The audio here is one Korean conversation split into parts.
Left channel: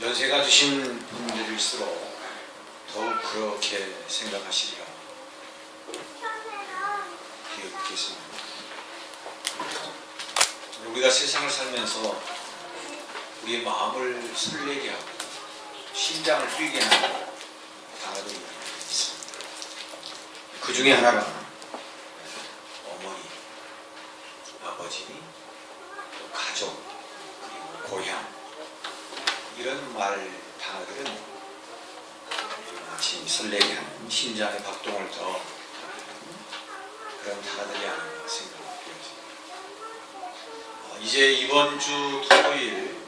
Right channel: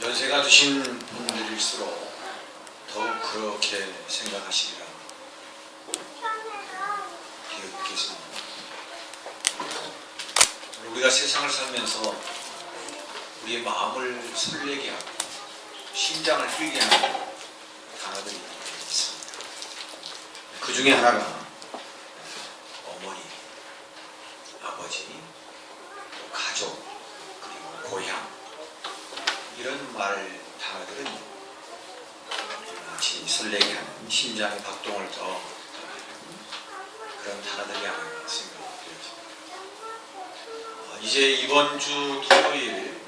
연세가 드신 분들일수록 더욱 그렇게 생각하시리라 비웃겠습니다. 우리가 세상을 살면서 우리의 마음을 설레게 하고 심장을 뛰게 하는 단어들이 있습니다. 그 중에 하나가 어머니, 아버지, 또 가족, 그리고 고향, 이런 말 단어들은 마치 설레게 하는 심장의 박동을 더 그런 단어들이 아닌가 생각이 되어집니다. 이제 이번 주 토요일,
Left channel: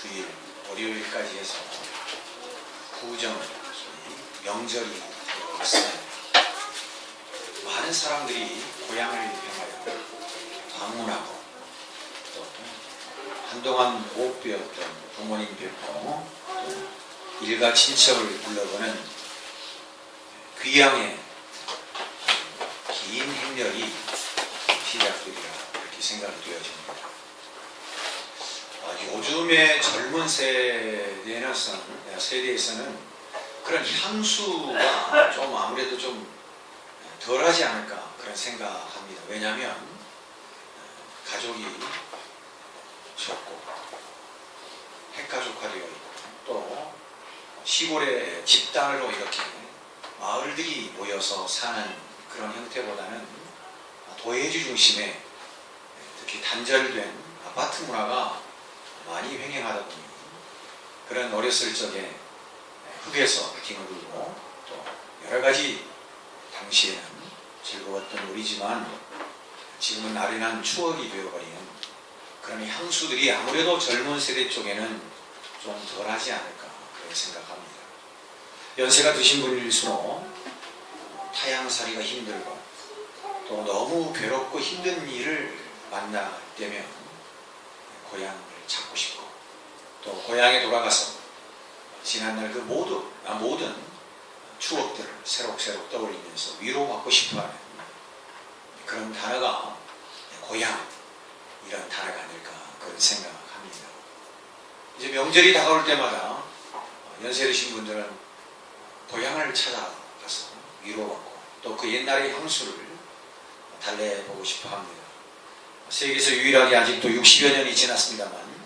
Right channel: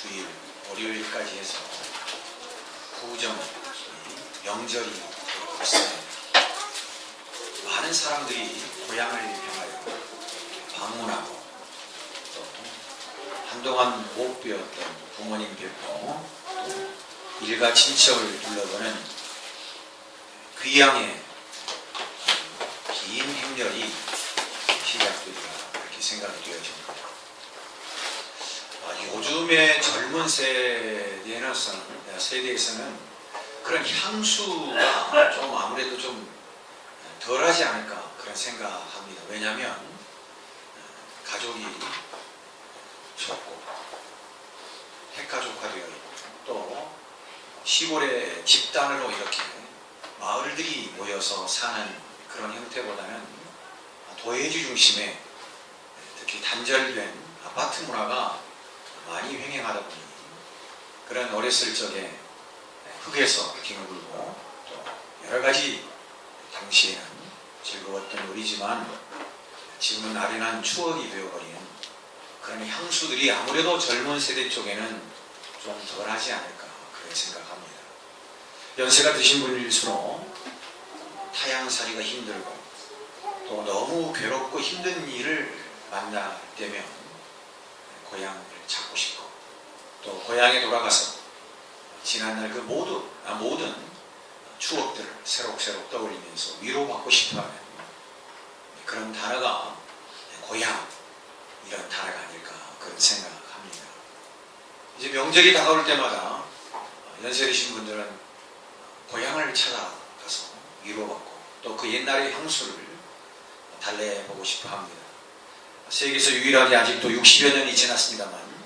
주일, 월요일까지 해서 구정, 명절이 왔습니다. 많은 사람들이 고향을 향하여 방문하고 또 한동안 못 뵈었던 부모님 뵙고 또 일가 친척을 둘러보는 귀향의 긴 행렬이 시작되리라 이렇게 생각이 되어집니다. 요즘의 젊은 세대에서는 그런 향수가 좀 아무래도 좀 덜하지 않을까 그런 생각합니다. 왜냐하면 가족이 적고 핵가족화되어 있고 또 시골의 집단으로 이렇게 마을들이 모여서 사는 그런 형태보다는 도회지 중심의 특히 단절된 아파트 문화가 많이 횡행하다 보니 그런 어렸을 적에 흙에서 빙을 불고 또 여러 가지 당시에는 즐거웠던 놀이지만 지금은 나른한 추억이 되어버리는 그런 향수들이 아무래도 젊은 세대 쪽에는 좀 덜하지 않을까 그런 생각합니다. 연세가 드신 분일수록 타향살이가 힘들고 또 너무 괴롭고 힘든 일을 만날 때면 고향을 찾고 싶고 또 고향에 돌아가서 지난날 그 모든 추억들을 새록새록 떠올리면서 위로받고 싶어하는 그런 단어가 고향 이런 단어가 아닐까 그런 생각합니다. 이제 명절이 다가올 때마다 연세 드신 분들은 고향을 찾아가서 위로받고 또 그 옛날의 향수를 달래보고 싶어 합니다. 세계에서 유일하게 아직도 60여 년이 지났습니다만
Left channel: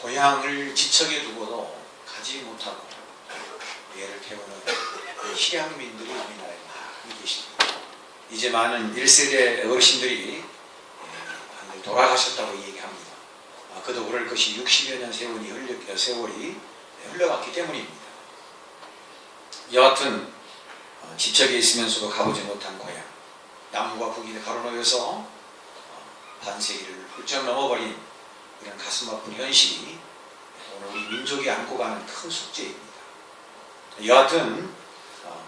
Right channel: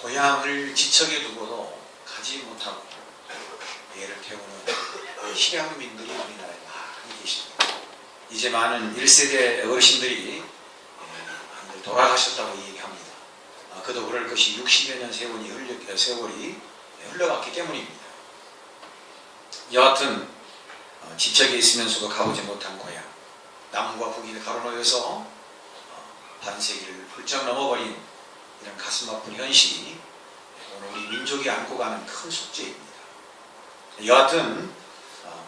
고향을 지척에 두고도 가지 못하고 예를 태우는 실향민들이 우리나라에 많이 계십니다. 이제 많은 1세대 어르신들이 돌아가셨다고 얘기합니다. 그도 그럴 것이 60여 년 세월이 흘러갔기 때문입니다. 여하튼 지척에 있으면서도 가보지 못한 고향, 남과 북이 가로놓여서 반세기를 훌쩍 넘어버린 이런 가슴 아픈 현실이 오늘 우리 민족이 안고 가는 큰 숙제입니다. 여하튼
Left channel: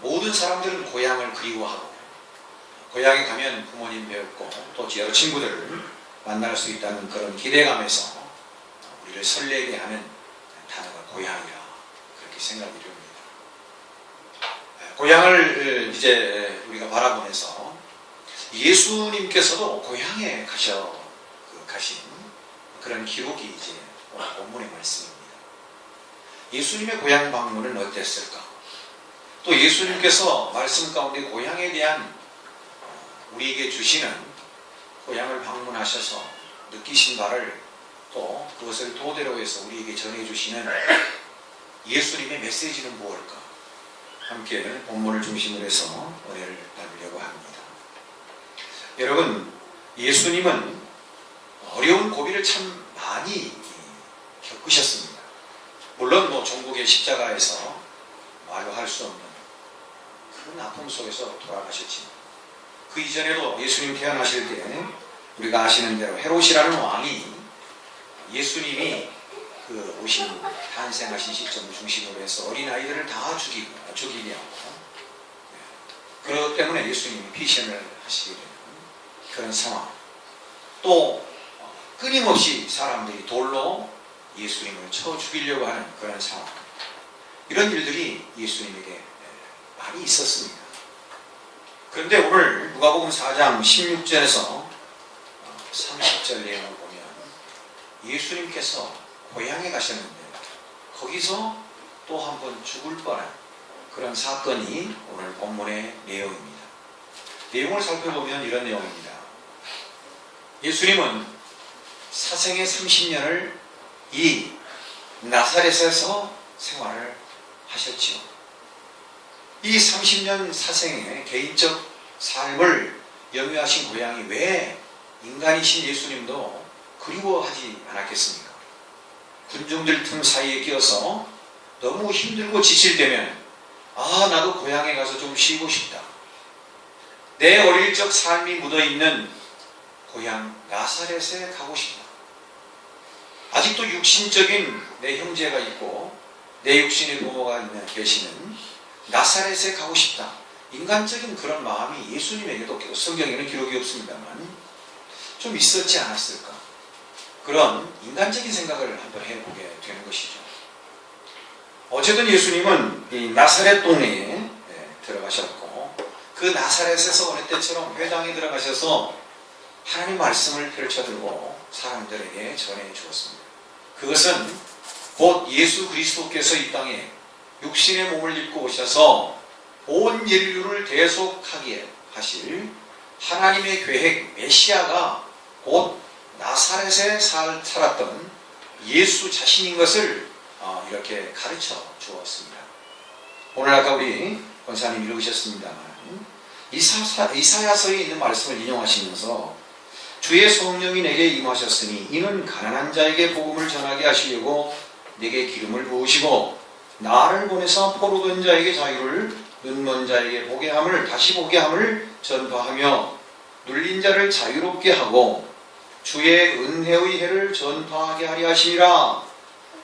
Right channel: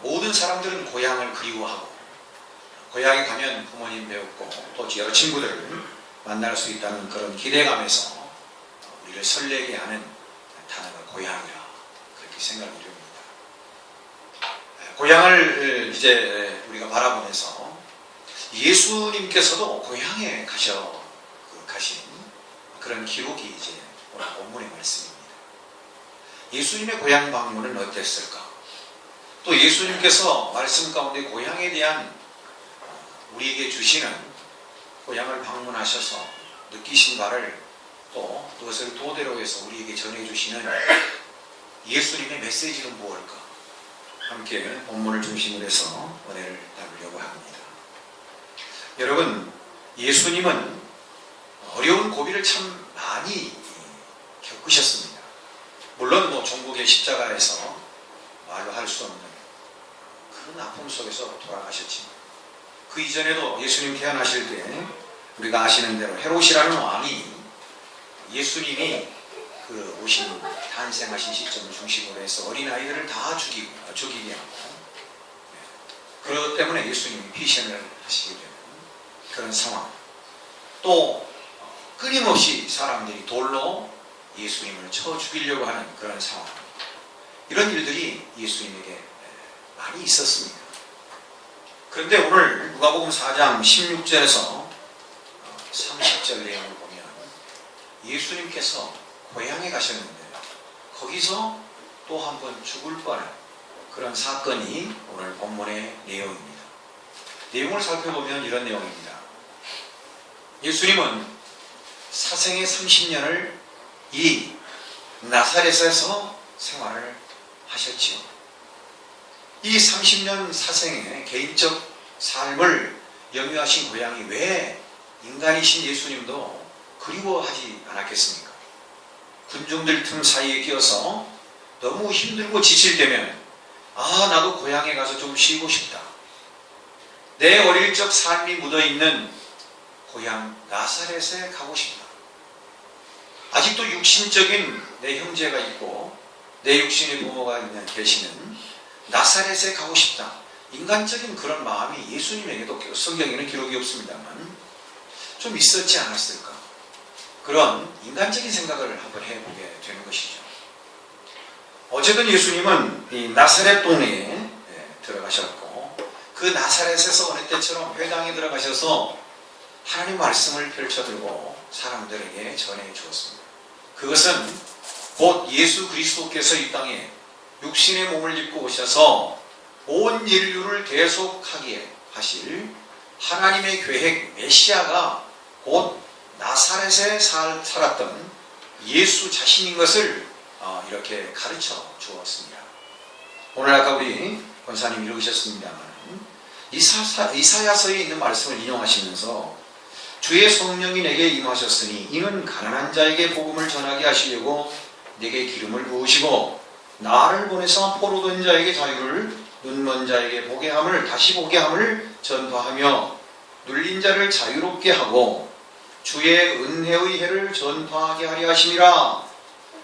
모든 사람들은 고향을 그리워하고 고향에 가면 부모님 배웠고 또 여러 친구들을 만날 수 있다는 그런 기대감에서 우리를 설레게 하는 단어가 고향이라 그렇게 생각이 됩니다. 고향을 이제 우리가 바라보면서 예수님께서도 고향에 가신 그런 기록이 이제 오늘 본문의 말씀입니다. 예수님의 고향 방문은 어땠을까? 또 예수님께서 말씀 가운데 고향에 대한 우리에게 주시는 고향을 방문하셔서 느끼신 바를 또 그것을 토대로 해서 우리에게 전해주시는 예수님의 메시지는 무엇일까? 함께 본문을 중심으로 해서 은혜를 나누려고 합니다. 여러분, 예수님은 어려운 고비를 참 많이 겪으셨습니다. 물론 종국의 십자가에서 말로 할 수 없는 큰 아픔 속에서 돌아가셨지만 그 이전에도 예수님 태어나실 때 우리가 아시는 대로 헤롯이라는 왕이 예수님이 그 오신 탄생하신 시점을 중심으로 해서 어린아이들을 다 죽이게 하고 그것 때문에 예수님이 피신을 하시게 되는 그런 상황, 또 끊임없이 사람들이 돌로 예수님을 쳐 죽이려고 하는 그런 상황, 이런 일들이 예수님에게 많이 있었습니다. 그런데 오늘 누가복음 4장 16절에서 30절 내용을 보면 예수님께서 고향에 가셨는데 거기서 또 한 번 죽을 뻔한 그런 사건이 오늘 본문의 내용입니다. 내용을 살펴보면 이런 내용입니다. 예수님은 사생애 30년을 이 나사렛에서 생활을 하셨지요. 이 30년 사생의 개인적 삶을 영위하신 고향이 왜 인간이신 예수님도 그리워하지 않았겠습니까? 군중들 틈 사이에 끼어서 너무 힘들고 지칠 때면 나도 고향에 가서 좀 쉬고 싶다. 내 어릴 적 삶이 묻어있는 고향 나사렛에 가고 싶다. 아직도 육신적인 내 형제가 있고 내 육신의 부모가 계시는 나사렛에 가고 싶다. 인간적인 그런 마음이 예수님에게도 성경에는 기록이 없습니다만 좀 있었지 않았을까? 그런 인간적인 생각을 한번 해보게 되는 것이죠. 어쨌든 예수님은 이 나사렛 동네에 들어가셨고 그 나사렛에서 어느 때처럼 회당에 들어가셔서 하나님 말씀을 펼쳐들고 사람들에게 전해 주었습니다. 그것은 곧 예수 그리스도께서 이 땅에 육신의 몸을 입고 오셔서 온 인류를 계속하게 하실 하나님의 계획 메시아가 곧 나사렛에 살았던 예수 자신인 것을 이렇게 가르쳐 주었습니다. 오늘 아까 우리 권사님 읽으셨습니다만 이사야서에 있는 말씀을 인용하시면서 주의 성령이 내게 임하셨으니 이는 가난한 자에게 복음을 전하게 하시려고 내게 기름을 부으시고 나를 보내서 포로된 자에게 자유를 눈먼 자에게 보게 함을 다시 보게 함을 전파하며 눌린 자를 자유롭게 하고 주의 은혜의 해를 전파하게 하려 하심이라.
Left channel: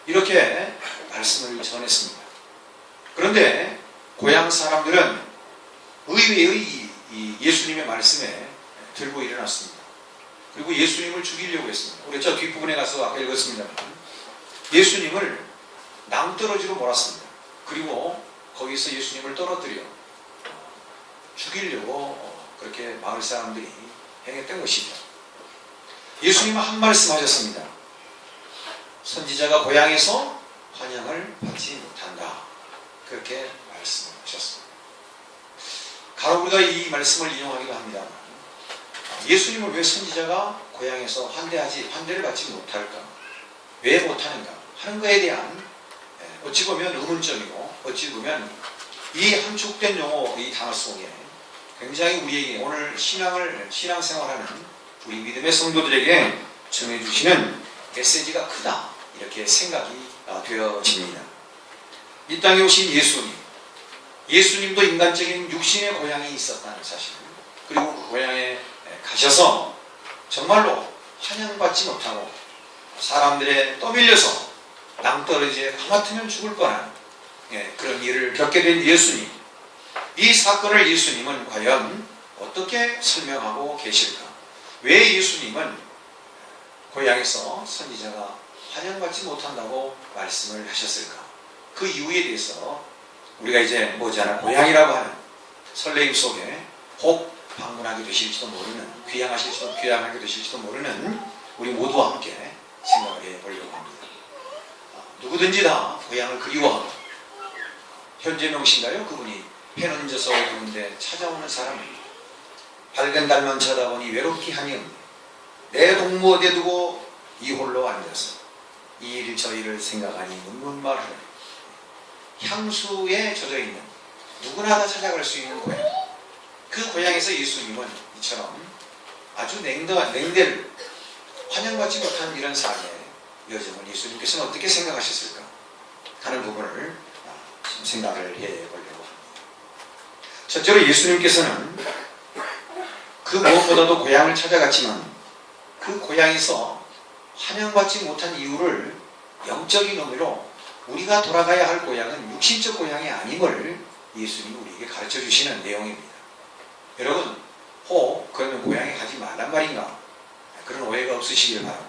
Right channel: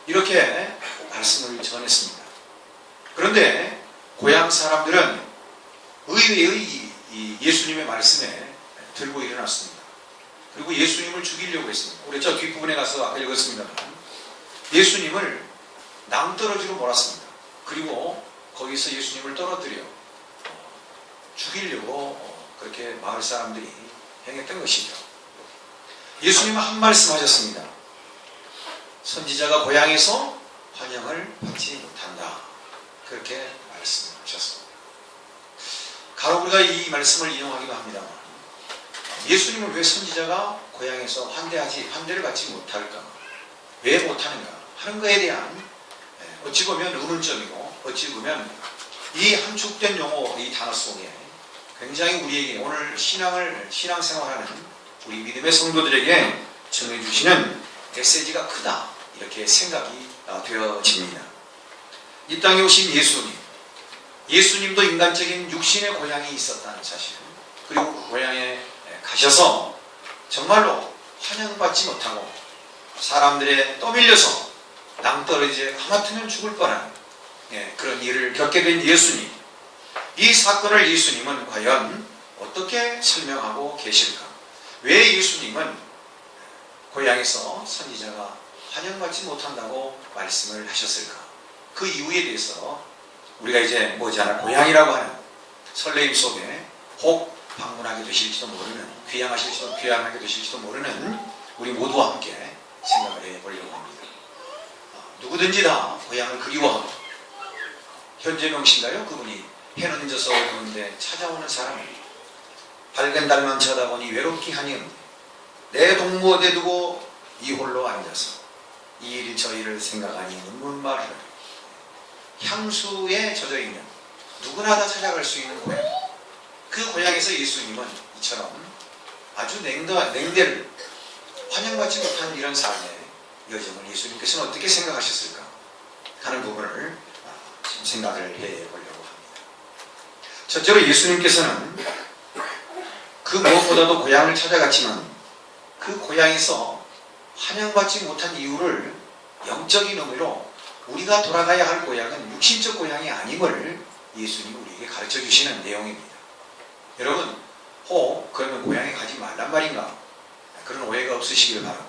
이렇게 말씀을 전했습니다. 그런데 고향 사람들은 의외의 예수님의 말씀에 들고 일어났습니다. 그리고 예수님을 죽이려고 했습니다. 우리 저 뒷부분에 가서 아까 읽었습니다만 예수님을 낭떠러지로 몰았습니다. 그리고 거기서 예수님을 떨어뜨려 죽이려고 그렇게 마을 사람들이 행했던 것이죠. 예수님은 한 말씀 하셨습니다. 선지자가 고향에서 환영을 받지 못한다. 그렇게 말씀하셨습니다. 가로 우리가 이 말씀을 인용하기도 합니다. 예수님은 왜 선지자가 고향에서 환대를 받지 못할까? 왜 못하는가? 하는 것에 대한 어찌 보면 의문점이고 어찌 보면 이 함축된 용어, 이 단어 속에 굉장히 우리에게 오늘 신앙생활하는 우리 믿음의 성도들에게 전해주시는 메시지가 크다. 이렇게 생각이 되어집니다. 이 땅에 오신 예수님도 인간적인 육신의 고향이 있었다는 사실, 그리고 그 고향에 가셔서 정말로 환영받지 못하고 사람들에 떠밀려서 낭떠러지에 하마터면 죽을 뻔한 그런 일을 겪게 된 예수님. 이 사건을 예수님은 과연 어떻게 설명하고 계실까? 왜 예수님은 고향에서 선지자가 환영받지 못한다고 말씀을 하셨을까? 그 이유에 대해서 우리가 이제 머지않아 고향이라고 하는 설레임 속에 혹 방문하게 되실지도 모르는, 귀향하게 되실지도 모르는 우리 모두와 함께 생각을 해보려고 합니다. 누구든지 다 고향을 그리워하고, 현재 명신가요? 그분이 해는 져서 오는데 찾아오는 사람입니다. 밝은 달만 쳐다보니 외롭기 하니없네. 내 동무 어디에 두고 이 홀로 앉아서 이 일 저 일을 생각하니 눈물만 흐르네. 향수에 젖어있는 누구나 다 찾아갈 수 있는 고향. 그 고향에서 예수님은 이처럼 아주 냉대를 환영받지 못한 이런 삶의 여정을 예수님께서는 어떻게 생각하셨을까 하는 부분을 생각을 해보려고 합니다. 첫째로 예수님께서는 그 무엇보다도 고향을 찾아갔지만 그 고향에서 환영받지 못한 이유를 영적인 의미로 우리가 돌아가야 할 고향은 육신적 고향이 아님을 예수님이 우리에게 가르쳐 주시는 내용입니다. 여러분, 혹 그러면 고향에 가지 말란 말인가? 그런 오해가 없으시길 바라고,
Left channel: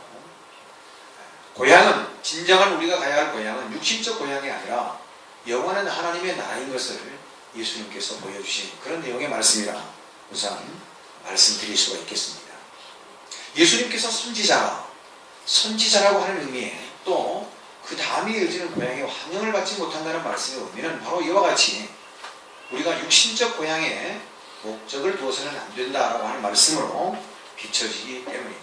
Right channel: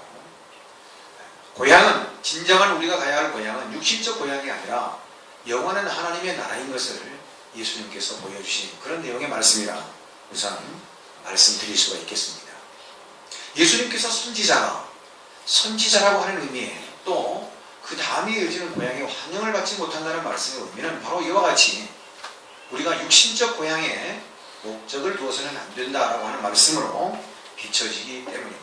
고향은, 진정한 우리가 가야 할 고향은 육신적 고향이 아니라 영원한 하나님의 나라인 것을 예수님께서 보여주신 그런 내용의 말씀이라 우선 말씀드릴 수가 있겠습니다. 예수님께서 선지자라고 하는 의미에 또 그 다음이 이어지는 고향에 환영을 받지 못한다는 말씀의 의미는 바로 이와 같이 우리가 육신적 고향에 목적을 두어서는 안 된다라고 하는 말씀으로 비춰지기 때문입니다.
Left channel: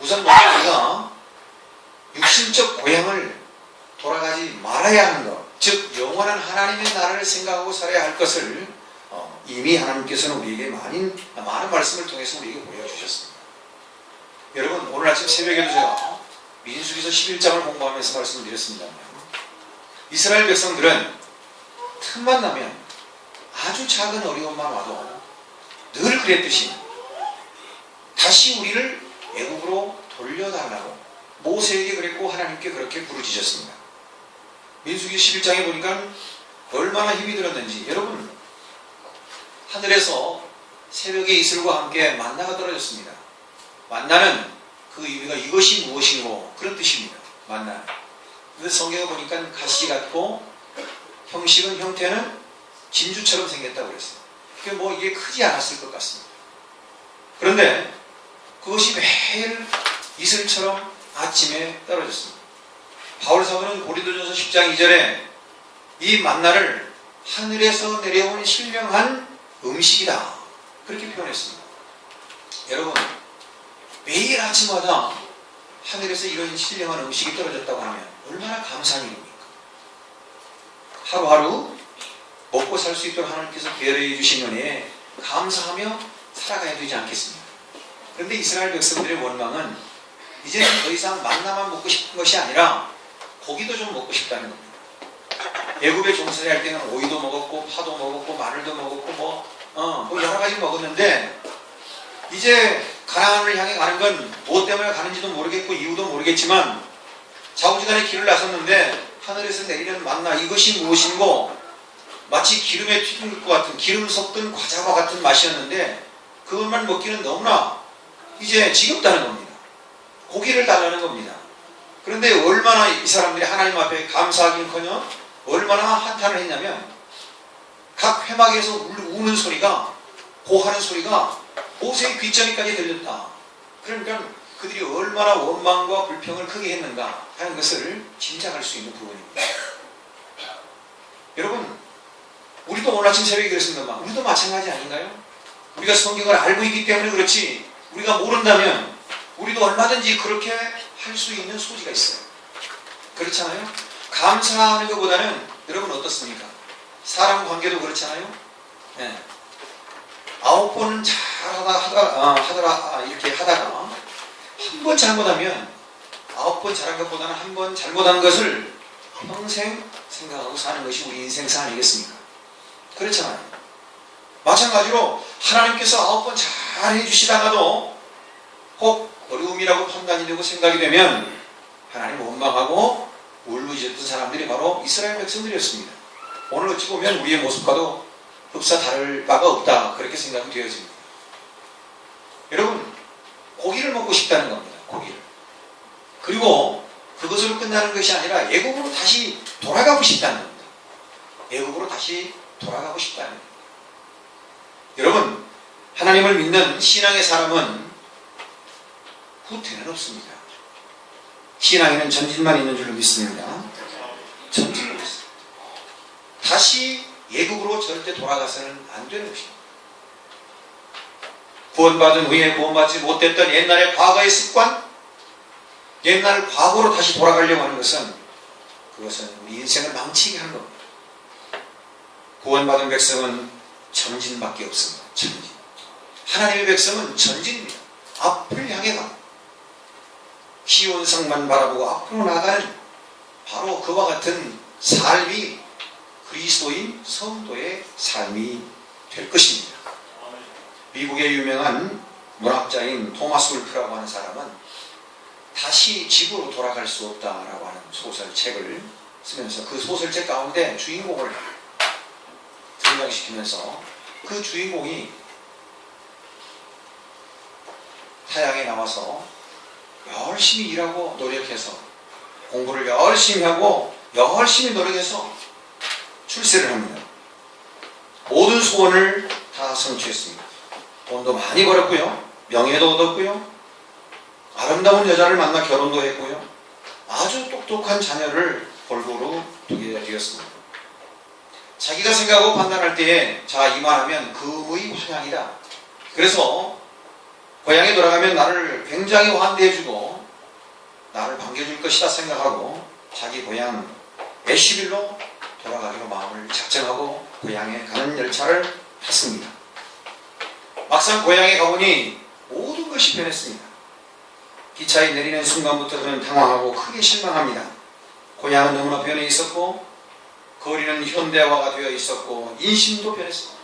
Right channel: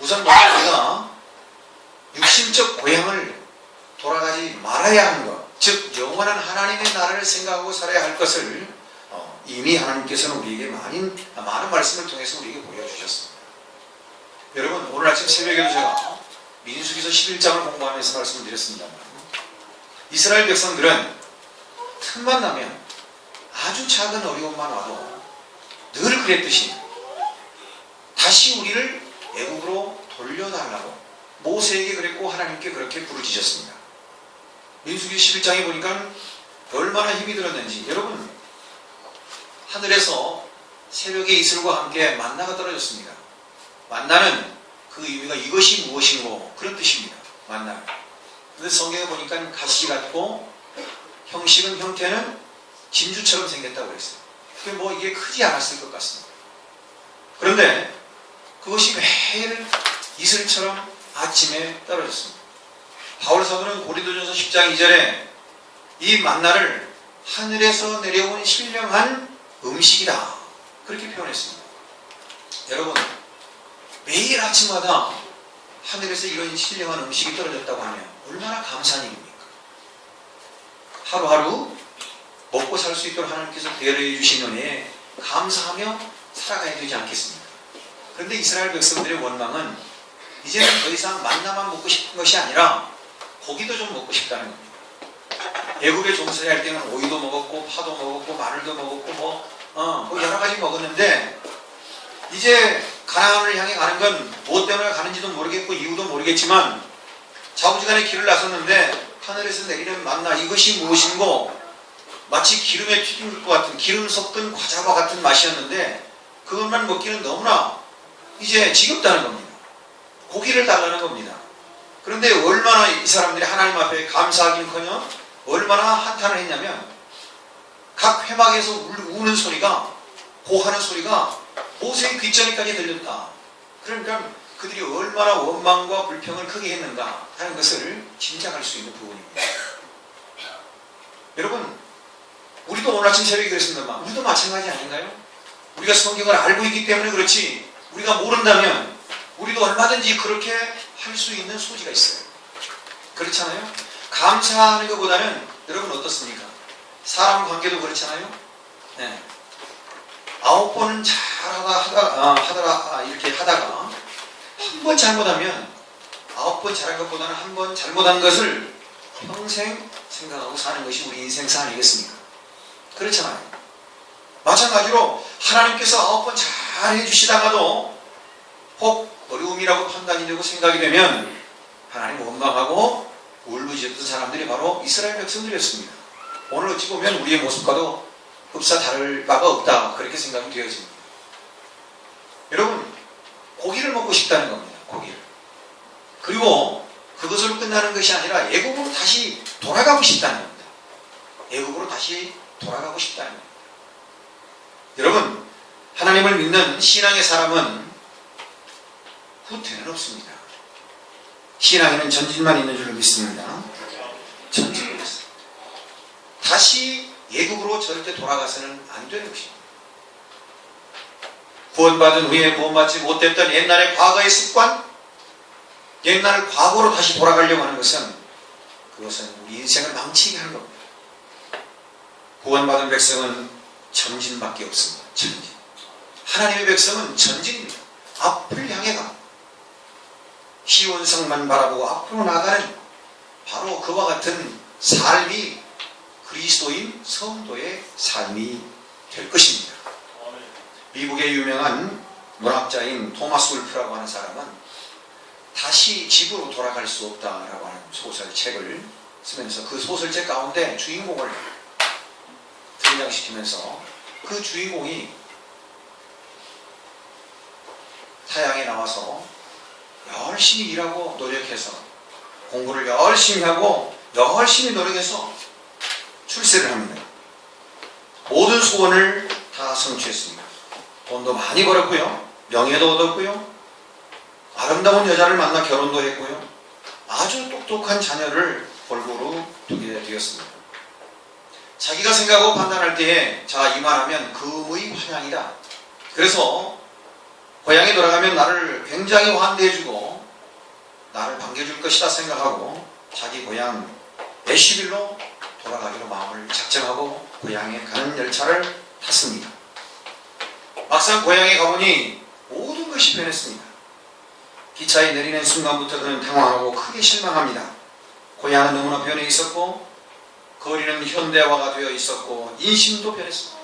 우선 먼저 우리가 육신적 고향을 돌아가지 말아야 하는 것, 즉 영원한 하나님의 나라를 생각하고 살아야 할 것을 이미 하나님께서는 우리에게 많은 말씀을 통해서 우리에게 보여주셨습니다. 여러분, 오늘 아침 새벽에도 제가 민수기서 11장을 공부하면서 말씀드렸습니다만, 이스라엘 백성들은 틈만 나면 아주 작은 어려움만 와도 늘 그랬듯이 다시 우리를 애국으로 돌려달라고 모세에게 그랬고 하나님께 그렇게 부르짖었습니다. 민수기 11장에 보니까 얼마나 힘이 들었는지, 여러분, 하늘에서 새벽에 이슬과 함께 만나가 떨어졌습니다. 만나는 그 의미가 이것이 무엇인고 그런 뜻입니다. 만나. 근데 성경에 보니까 가시 같고 형식은 형태는 진주처럼 생겼다고 그랬어요. 그게 이게 크지 않았을 것 같습니다. 그런데 그것이 매일 이슬처럼 아침에 떨어졌습니다. 바울 사도는 고린도전서 10장 2절에 이 만나를 하늘에서 내려온 신령한 음식이다 그렇게 표현했습니다. 여러분, 매일 아침마다 하늘에서 이런 신령한 음식이 떨어졌다고 하면 얼마나 감사한 일입니까? 하루하루 먹고 살 수 있도록 하나님께서 배려해 주신 은혜에 감사하며 살아가야 되지 않겠습니까? 그런데 이스라엘 백성들의 원망은 이제는 더 이상 만나만 먹고 싶은 것이 아니라 고기도 좀 먹고 싶다는 겁니다. 애굽에 종살이 할 때는 오이도 먹었고 파도 먹었고 마늘도 먹었고 여러 가지 먹었는데 이제 가나안을 향해 가는 건 무엇 때문에 가는지도 모르겠고 이유도 모르겠지만 좌우지간에 길을 나섰는데 하늘에서 내리는 만나 이것이 무엇인고 마치 기름에 튀긴 것 같은 기름 섞은 과자와 같은 맛이었는데 그것만 먹기는 너무나 이제 지겹다는 겁니다. 고기를 달라는 겁니다. 그런데 얼마나 이 사람들이 하나님 앞에 감사하긴커녕 얼마나 한탄을 했냐면 각 회막에서 우는 소리가 고하는 소리가 모세의 귓전에까지 들렸다. 그러니까 그들이 얼마나 원망과 불평을 크게 했는가 하는 것을 짐작할 수 있는 부분입니다. 여러분, 우리도 오늘 아침 새벽에 그랬습니다만 우리도 마찬가지 아닌가요? 우리가 성경을 알고 있기 때문에 그렇지 우리가 모른다면 우리도 얼마든지 그렇게 할 수 있는 소지가 있어요. 그렇잖아요? 감사하는 것보다는 여러분 어떻습니까? 사람 관계도 그렇잖아요? 네. 9번은 이렇게 하다가 한 번 잘못하면 9번 잘한 것보다는 한 번 잘못한 것을 평생 생각하고 사는 것이 우리 인생사 아니겠습니까? 그렇잖아요. 마찬가지로 하나님께서 9번 잘 해주시다가도 혹 어려움이라고 판단이 되고 생각이 되면 하나님 원망하고 울부짖었던 사람들이 바로 이스라엘 백성들이었습니다. 오늘 어찌 보면 우리의 모습과도 흡사 다를 바가 없다 그렇게 생각이 되어집니다. 여러분, 고기를 먹고 싶다는 겁니다. 고기를. 그리고 그것으로 끝나는 것이 아니라 애국으로 다시 돌아가고 싶다는 겁니다. 애국으로 다시 돌아가고 싶다는 겁니다. 여러분, 하나님을 믿는 신앙의 사람은 후퇴는 없습니다. 신앙에는 전진만 있는 줄로 믿습니다. 전진이 없습니다. 다시 예국으로 절대 돌아가서는 안 되는 것입니다. 구원받은 후에 구원받지 못했던 옛날의 과거의 습관, 옛날 과거로 다시 돌아가려고 하는 것은 그것은 우리 인생을 망치게 하는 겁니다. 구원받은 백성은 전진밖에 없습니다. 전진. 하나님의 백성은 전진입니다. 앞을 향해 가. 시온성만 바라보고 앞으로 나가는 바로 그와 같은 삶이 그리스도인 성도의 삶이 될 것입니다. 미국의 유명한 문학자인 토마스 울프라고 하는 사람은 다시 집으로 돌아갈 수 없다라고 하는 소설책을 쓰면서 그 소설책 가운데 주인공을 등장시키면서 그 주인공이 타향에 나와서 열심히 일하고 노력해서 공부를 열심히 하고 열심히 노력해서 출세를 합니다. 모든 소원을 다 성취했습니다. 돈도 많이 벌었고요. 명예도 얻었고요. 아름다운 여자를 만나 결혼도 했고요. 아주 똑똑한 자녀를 골고루 두게 되었습니다. 자기가 생각하고 판단할 때에 자 이만하면 금의 환향이다. 그래서 고향에 돌아가면 나를 굉장히 환대해주고 나를 반겨줄 것이다 생각하고 자기 고향 애쉬빌로 돌아가기로 마음을 작정하고 고향에 가는 열차를 탔습니다. 막상 고향에 가보니 모든 것이 변했습니다. 기차에 내리는 순간부터 그는 당황하고 크게 실망합니다. 고향은 너무나 변해 있었고 거리는 현대화가 되어 있었고 인심도 변했습니다.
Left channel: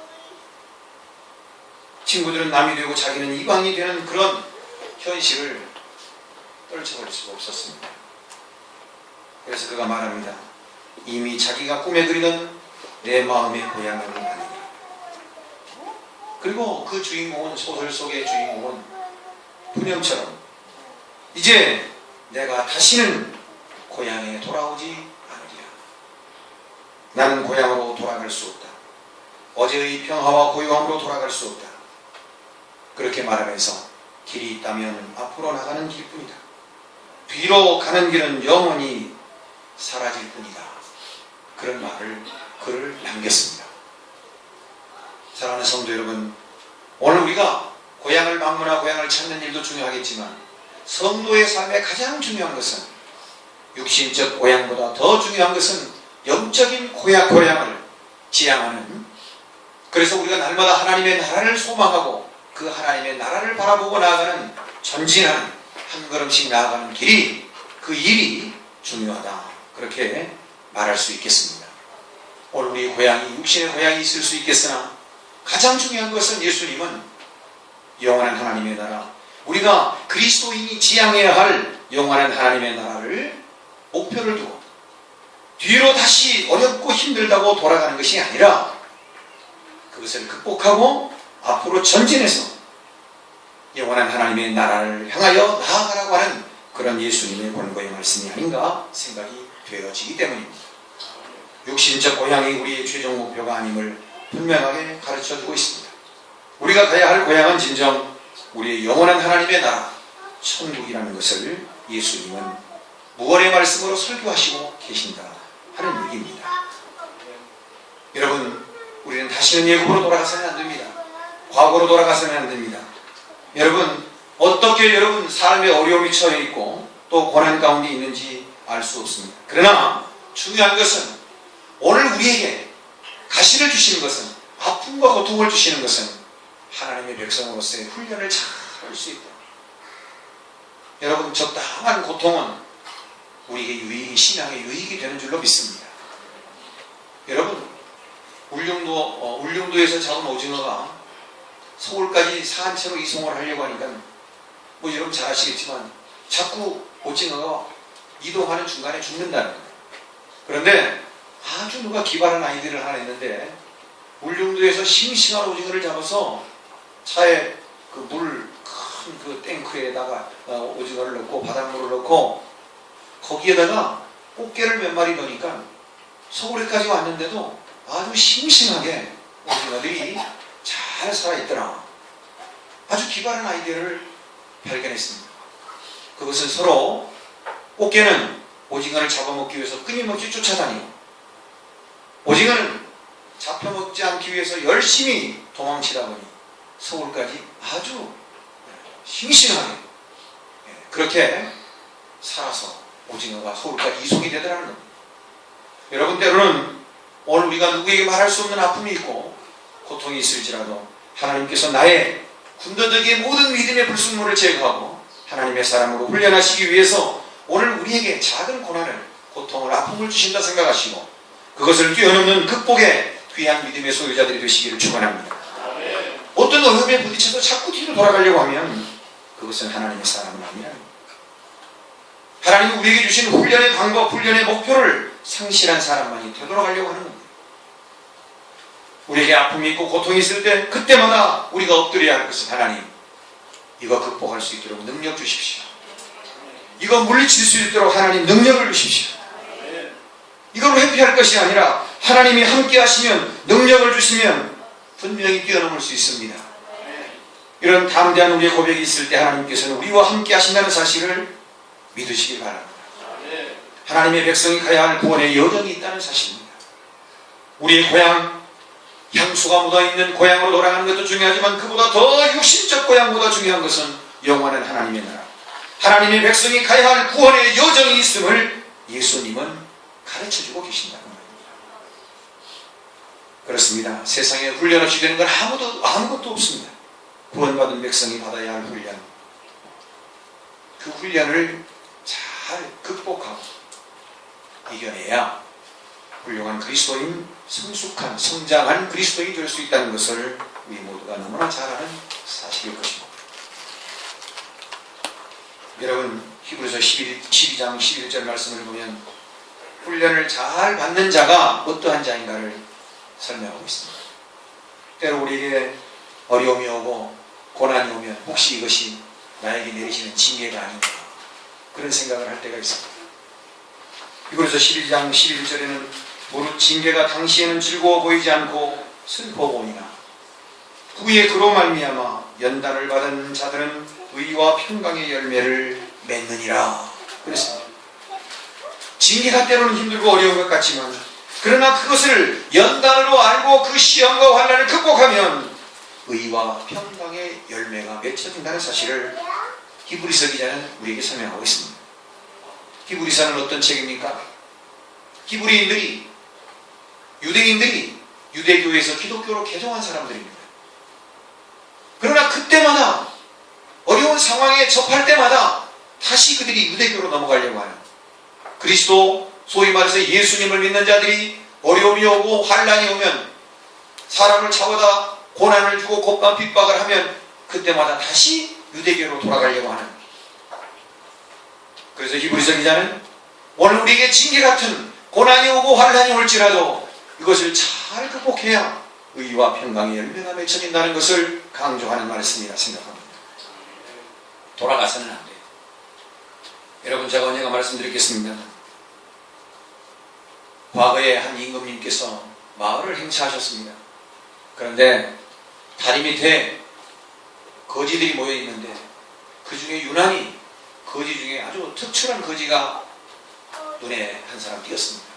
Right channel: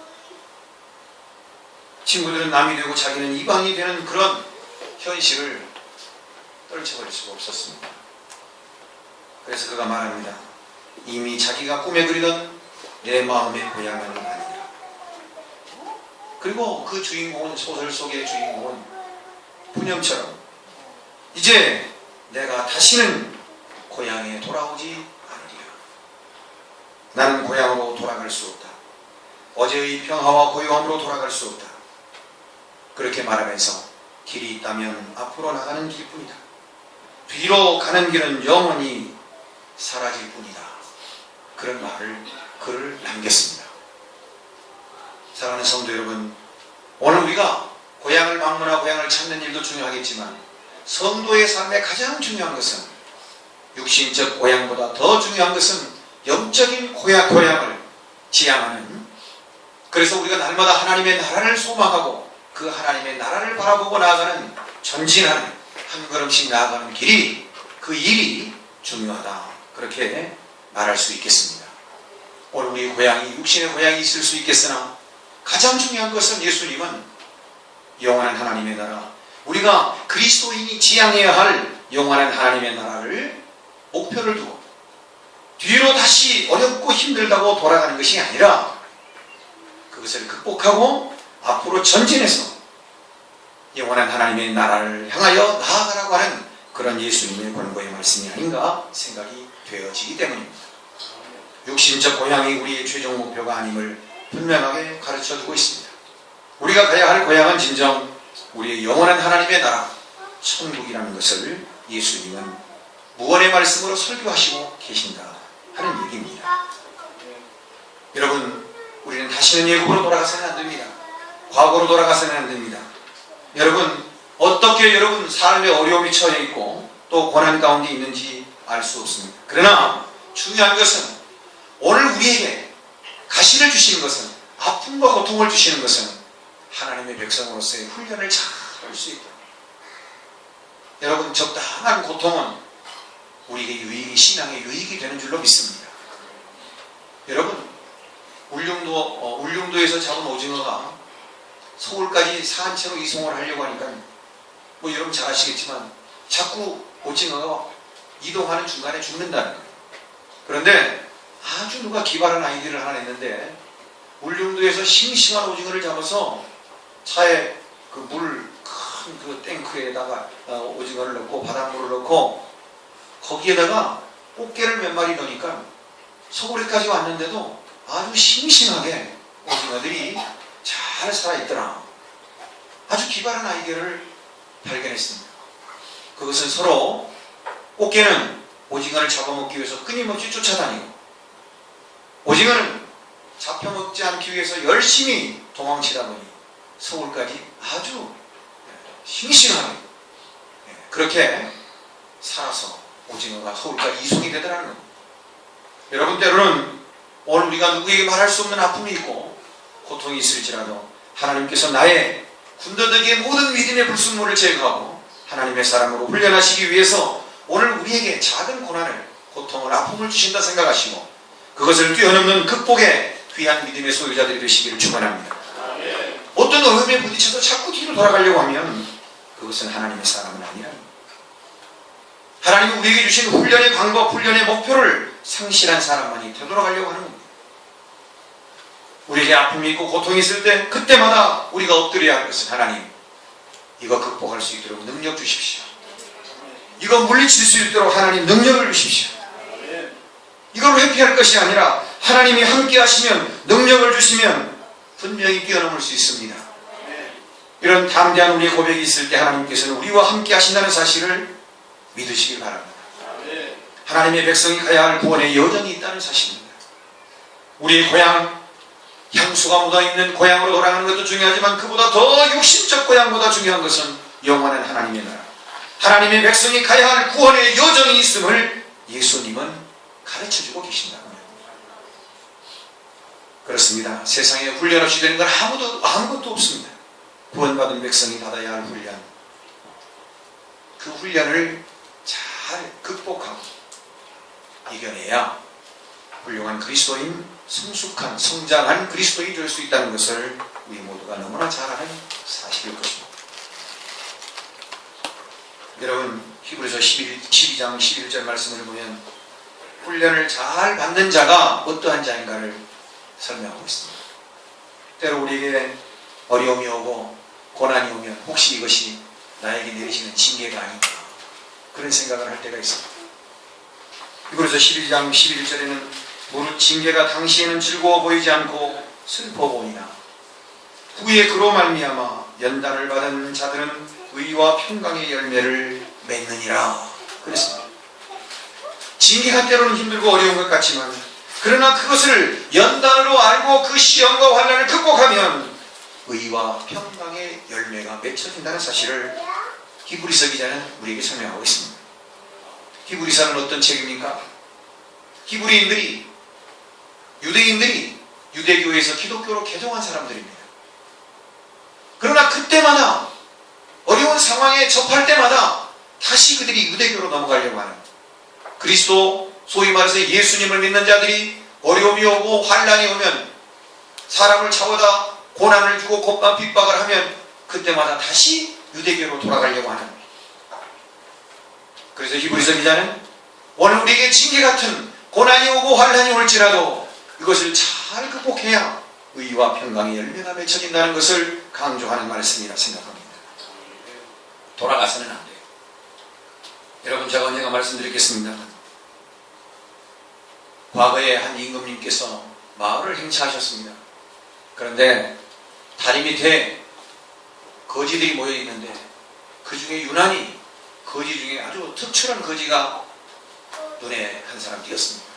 친구들은 남이 되고 자기는 이방이 되는 그런 현실을 떨쳐버릴 수가 없었습니다. 그래서 그가 말합니다. 이미 자기가 꿈에 그리던 내 마음의 고향은 아니라. 그리고 그 주인공은, 소설 속의 주인공은 분영처럼 이제 내가 다시는 고향에 돌아오지 않으리라. 나는 고향으로 돌아갈 수 없다. 어제의 평화와 고요함으로 돌아갈 수 없다. 그렇게 말하면서 길이 있다면 앞으로 나가는 길뿐이다. 뒤로 가는 길은 영원히 사라질 뿐이다. 그런 글을 남겼습니다. 사랑하는 성도 여러분, 오늘 우리가 고향을 방문하고 고향을 찾는 일도 중요하겠지만 성도의 삶에 가장 중요한 것은 육신적 고향보다 더 중요한 것은 영적인 고향을 지향하는, 그래서 우리가 날마다 하나님의 나라를 소망하고 그 하나님의 나라를 바라보고 나아가는, 전진하는, 한 걸음씩 나아가는 길이, 그 일이 중요하다. 그렇게 말할 수 있겠습니다. 오늘 우리 고향이, 육신의 고향이 있을 수 있겠으나 가장 중요한 것은 예수님은 영원한 하나님의 나라, 우리가 그리스도인이 지향해야 할 영원한 하나님의 나라를 목표를 두고 뒤로 다시 어렵고 힘들다고 돌아가는 것이 아니라 그것을 극복하고 앞으로 전진해서 영원한 하나님의 나라를 향하여 나아가라고 하는 그런 예수님의 권고의 말씀이 아닌가 생각이 되어지기 때문입니다. 육신적 고향이 우리의 최종 목표가 아님을 분명하게 가르쳐주고 있습니다. 우리가 가야 할 고향은 진정 우리의 영원한 하나님의 나라, 천국이라는 것을 예수님은 무언의 말씀으로 설교하시고 계신다 하는 얘기입니다. 여러분, 우리는 다시는 예고로 돌아가서는 안 됩니다. 과거로 돌아가서는 안 됩니다. 여러분, 어떻게 여러분 삶의 어려움이 처해 있고 또 고난 가운데 있는지 알 수 없습니다. 그러나 중요한 것은 오늘 우리에게 가시를 주시는 것은, 아픔과 고통을 주시는 것은 하나님의 백성으로서의 훈련을 잘 할 수 있다. 여러분, 적당한 고통은 우리에게 신앙의 유익이 되는 줄로 믿습니다. 여러분, 울릉도에서 잡은 오징어가 서울까지 산채로 이송을 하려고 하니까 뭐 여러분 잘 아시겠지만 자꾸 오징어가 이동하는 중간에 죽는다는 거예요. 그런데 아주 누가 기발한 아이디어를 하나 냈는데 울릉도에서 싱싱한 오징어를 잡아서 차에 그 물 큰 그 탱크에다가 오징어를 넣고 바닷물을 넣고 거기에다가 꽃게를 몇 마리 넣으니까 서울에까지 왔는데도 아주 싱싱하게 오징어들이 잘 살아있더라. 아주 기발한 아이디어를 발견했습니다. 그것은 서로 꽃게는 오징어를 잡아먹기 위해서 끊임없이 쫓아다니고 오징어는 잡혀먹지 않기 위해서 열심히 도망치다 보니 서울까지 아주 싱싱하게 그렇게 살아서 오징어가 서울까지 이송이 되더라는 겁니다. 여러분, 때로는 오늘 우리가 누구에게 말할 수 없는 아픔이 있고 고통이 있을지라도 하나님께서 나의 군더더기의 모든 믿음의 불순물을 제거하고 하나님의 사람으로 훈련하시기 위해서 오늘 우리에게 작은 고난을, 고통을, 아픔을 주신다 생각하시고 그것을 뛰어넘는 극복의 귀한 믿음의 소유자들이 되시기를 축원합니다. 어떤 어려움에 부딪혀서 자꾸 뒤로 돌아가려고 하면 그것은 하나님의 사람은 아니라 하나님이 우리에게 주신 훈련의 방법, 훈련의 목표를 상실한 사람만이 되돌아가려고 하는 겁니다. 우리에게 아픔이 있고 고통이 있을 때 그때마다 우리가 엎드려야 할 것은 하나님, 이거 극복할 수 있도록 능력 주십시오. 이거 물리칠 수 있도록 하나님 능력을 주십시오. 이걸 회피할 것이 아니라 하나님이 함께 하시면, 능력을 주시면 분명히 뛰어넘을 수 있습니다. 이런 담대한 우리의 고백이 있을 때 하나님께서는 우리와 함께 하신다는 사실을 믿으시기 바랍니다. 하나님의 백성이 가야 할 구원의 여정이 있다는 사실입니다. 우리의 고향, 향수가 묻어있는 고향으로 돌아가는 것도 중요하지만 그보다 더 육신적 고향보다 중요한 것은 영원한 하나님의 나라, 하나님의 백성이 가야 할 구원의 여정이 있음을 예수님은 가르쳐주고 계신다는 겁니다. 그렇습니다. 세상에 훈련 없이 되는 건 아무것도 없습니다. 구원받은 백성이 받아야 할 훈련, 그 훈련을 잘 극복하고 이겨내야 훌륭한 그리스도인, 성숙한, 성장한 그리스도인이 될 수 있다는 것을 우리 모두가 너무나 잘 아는 사실일 것입니다. 여러분, 히브리서 12장 11절 말씀을 보면 훈련을 잘 받는 자가 어떠한 자인가를 설명하고 있습니다. 때로 우리에게 어려움이 오고 고난이 오면 혹시 이것이 나에게 내리시는 징계가 아닌가, 그런 생각을 할 때가 있습니다. 히브리서 12장 11절에는 무릇 징계가 당시에는 즐거워 보이지 않고 슬퍼 보이나 후에 그로 말미암아 연단을 받은 자들은 의와 평강의 열매를 맺느니라 그랬습니다. 징계가 때로는 힘들고 어려운 것 같지만, 그러나 그것을 연단으로 알고 그 시험과 환난을 극복하면 의와 평강의 열매가 맺혀진다는 사실을 히브리서 기자는 우리에게 설명하고 있습니다. 히브리서는 어떤 책입니까? 유대인들이 유대교에서 기독교로 개종한 사람들입니다. 그러나 그때마다 어려운 상황에 접할 때마다 다시 그들이 유대교로 넘어가려고 하는, 그리스도, 소위 말해서 예수님을 믿는 자들이 어려움이 오고 환난이 오면, 사람을 차보다 고난을 주고 곱밥 핍박을 하면 그때마다 다시 유대교로 돌아가려고 하는, 그래서 히브리서 기자는 오늘 우리에게 징계 같은 고난이 오고 환난이 올지라도 이것을 잘 극복해야 의와 평강의 열매가 맺혀진다는 것을 강조하는 말씀이라 생각합니다. 돌아가서는 안 돼요. 여러분, 제가 언젠가 말씀드렸겠습니다. 과거에 한 임금님께서 마을을 행차하셨습니다. 그런데 다리 밑에 거지들이 모여 있는데 그 중에 유난히 거지 중에 아주 특출한 거지가 눈에 한 사람 띄었습니다.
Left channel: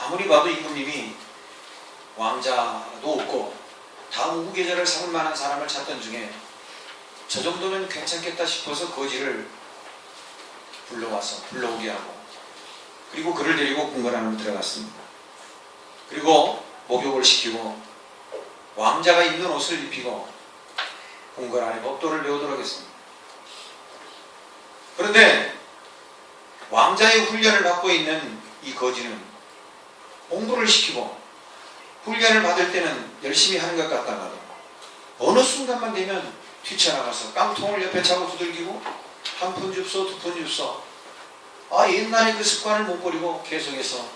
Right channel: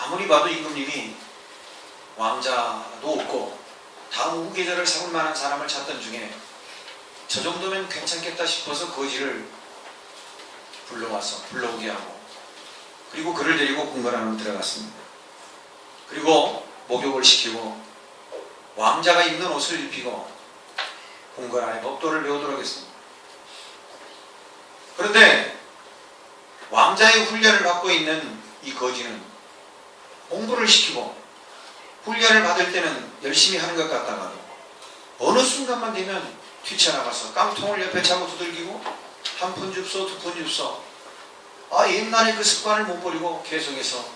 아무리 봐도 임금님이 왕자도 없고 다음 후계자를 삼을 만한 사람을 찾던 중에 저 정도면 괜찮겠다 싶어서 거지를 불러오게 하고, 그리고 그를 데리고 궁궐 안으로 들어갔습니다. 그리고 목욕을 시키고 왕자가 입는 옷을 입히고 궁궐 안에 법도를 배우도록 했습니다. 그런데 왕자의 훈련을 받고 있는 이 거지는 공부를 시키고 훈련을 받을 때는 열심히 하는 것 같다가도 어느 순간만 되면 뛰쳐나가서 깡통을 옆에 차고 두들기고 한 푼 줍소, 두 푼 줍소, 옛날에 그 습관을 못 버리고 계속해서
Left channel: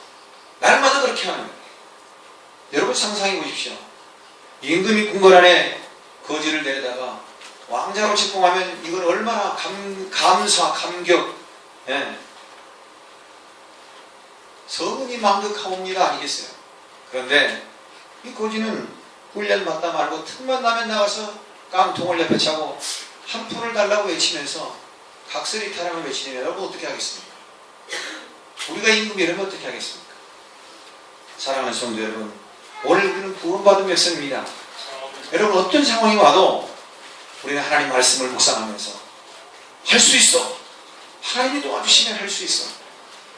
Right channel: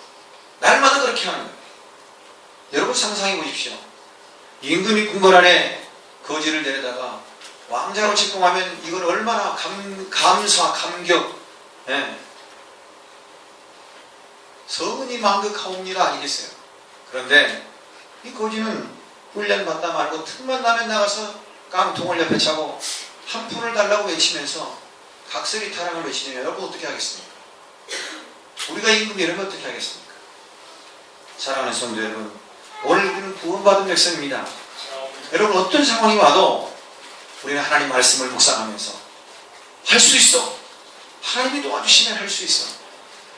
날마다 그렇게 하는 거예요. 여러분 상상해 보십시오. 임금이 궁궐 안에 거지를 내려다가 왕자로 책봉하면 이건 얼마나 감사, 감격, 성은이 망극하옵니다 아니겠어요? 그런데 이 거지는 훈련 받다 말고 틈만 나면 나가서 깡통을 옆에 차고 한 푼을 달라고 외치면서 각설이 타령을 외치면 여러분 어떻게 하겠습니까? 우리가 임금이라면 어떻게 하겠습니까? 사랑하는 성도 여러분, 오늘 우리는 구원받은 백성입니다. 여러분, 어떤 상황이 와도 우리는 하나님 말씀을 묵상하면서 할 수 있어, 하나님이 도와주시면 할 수 있어,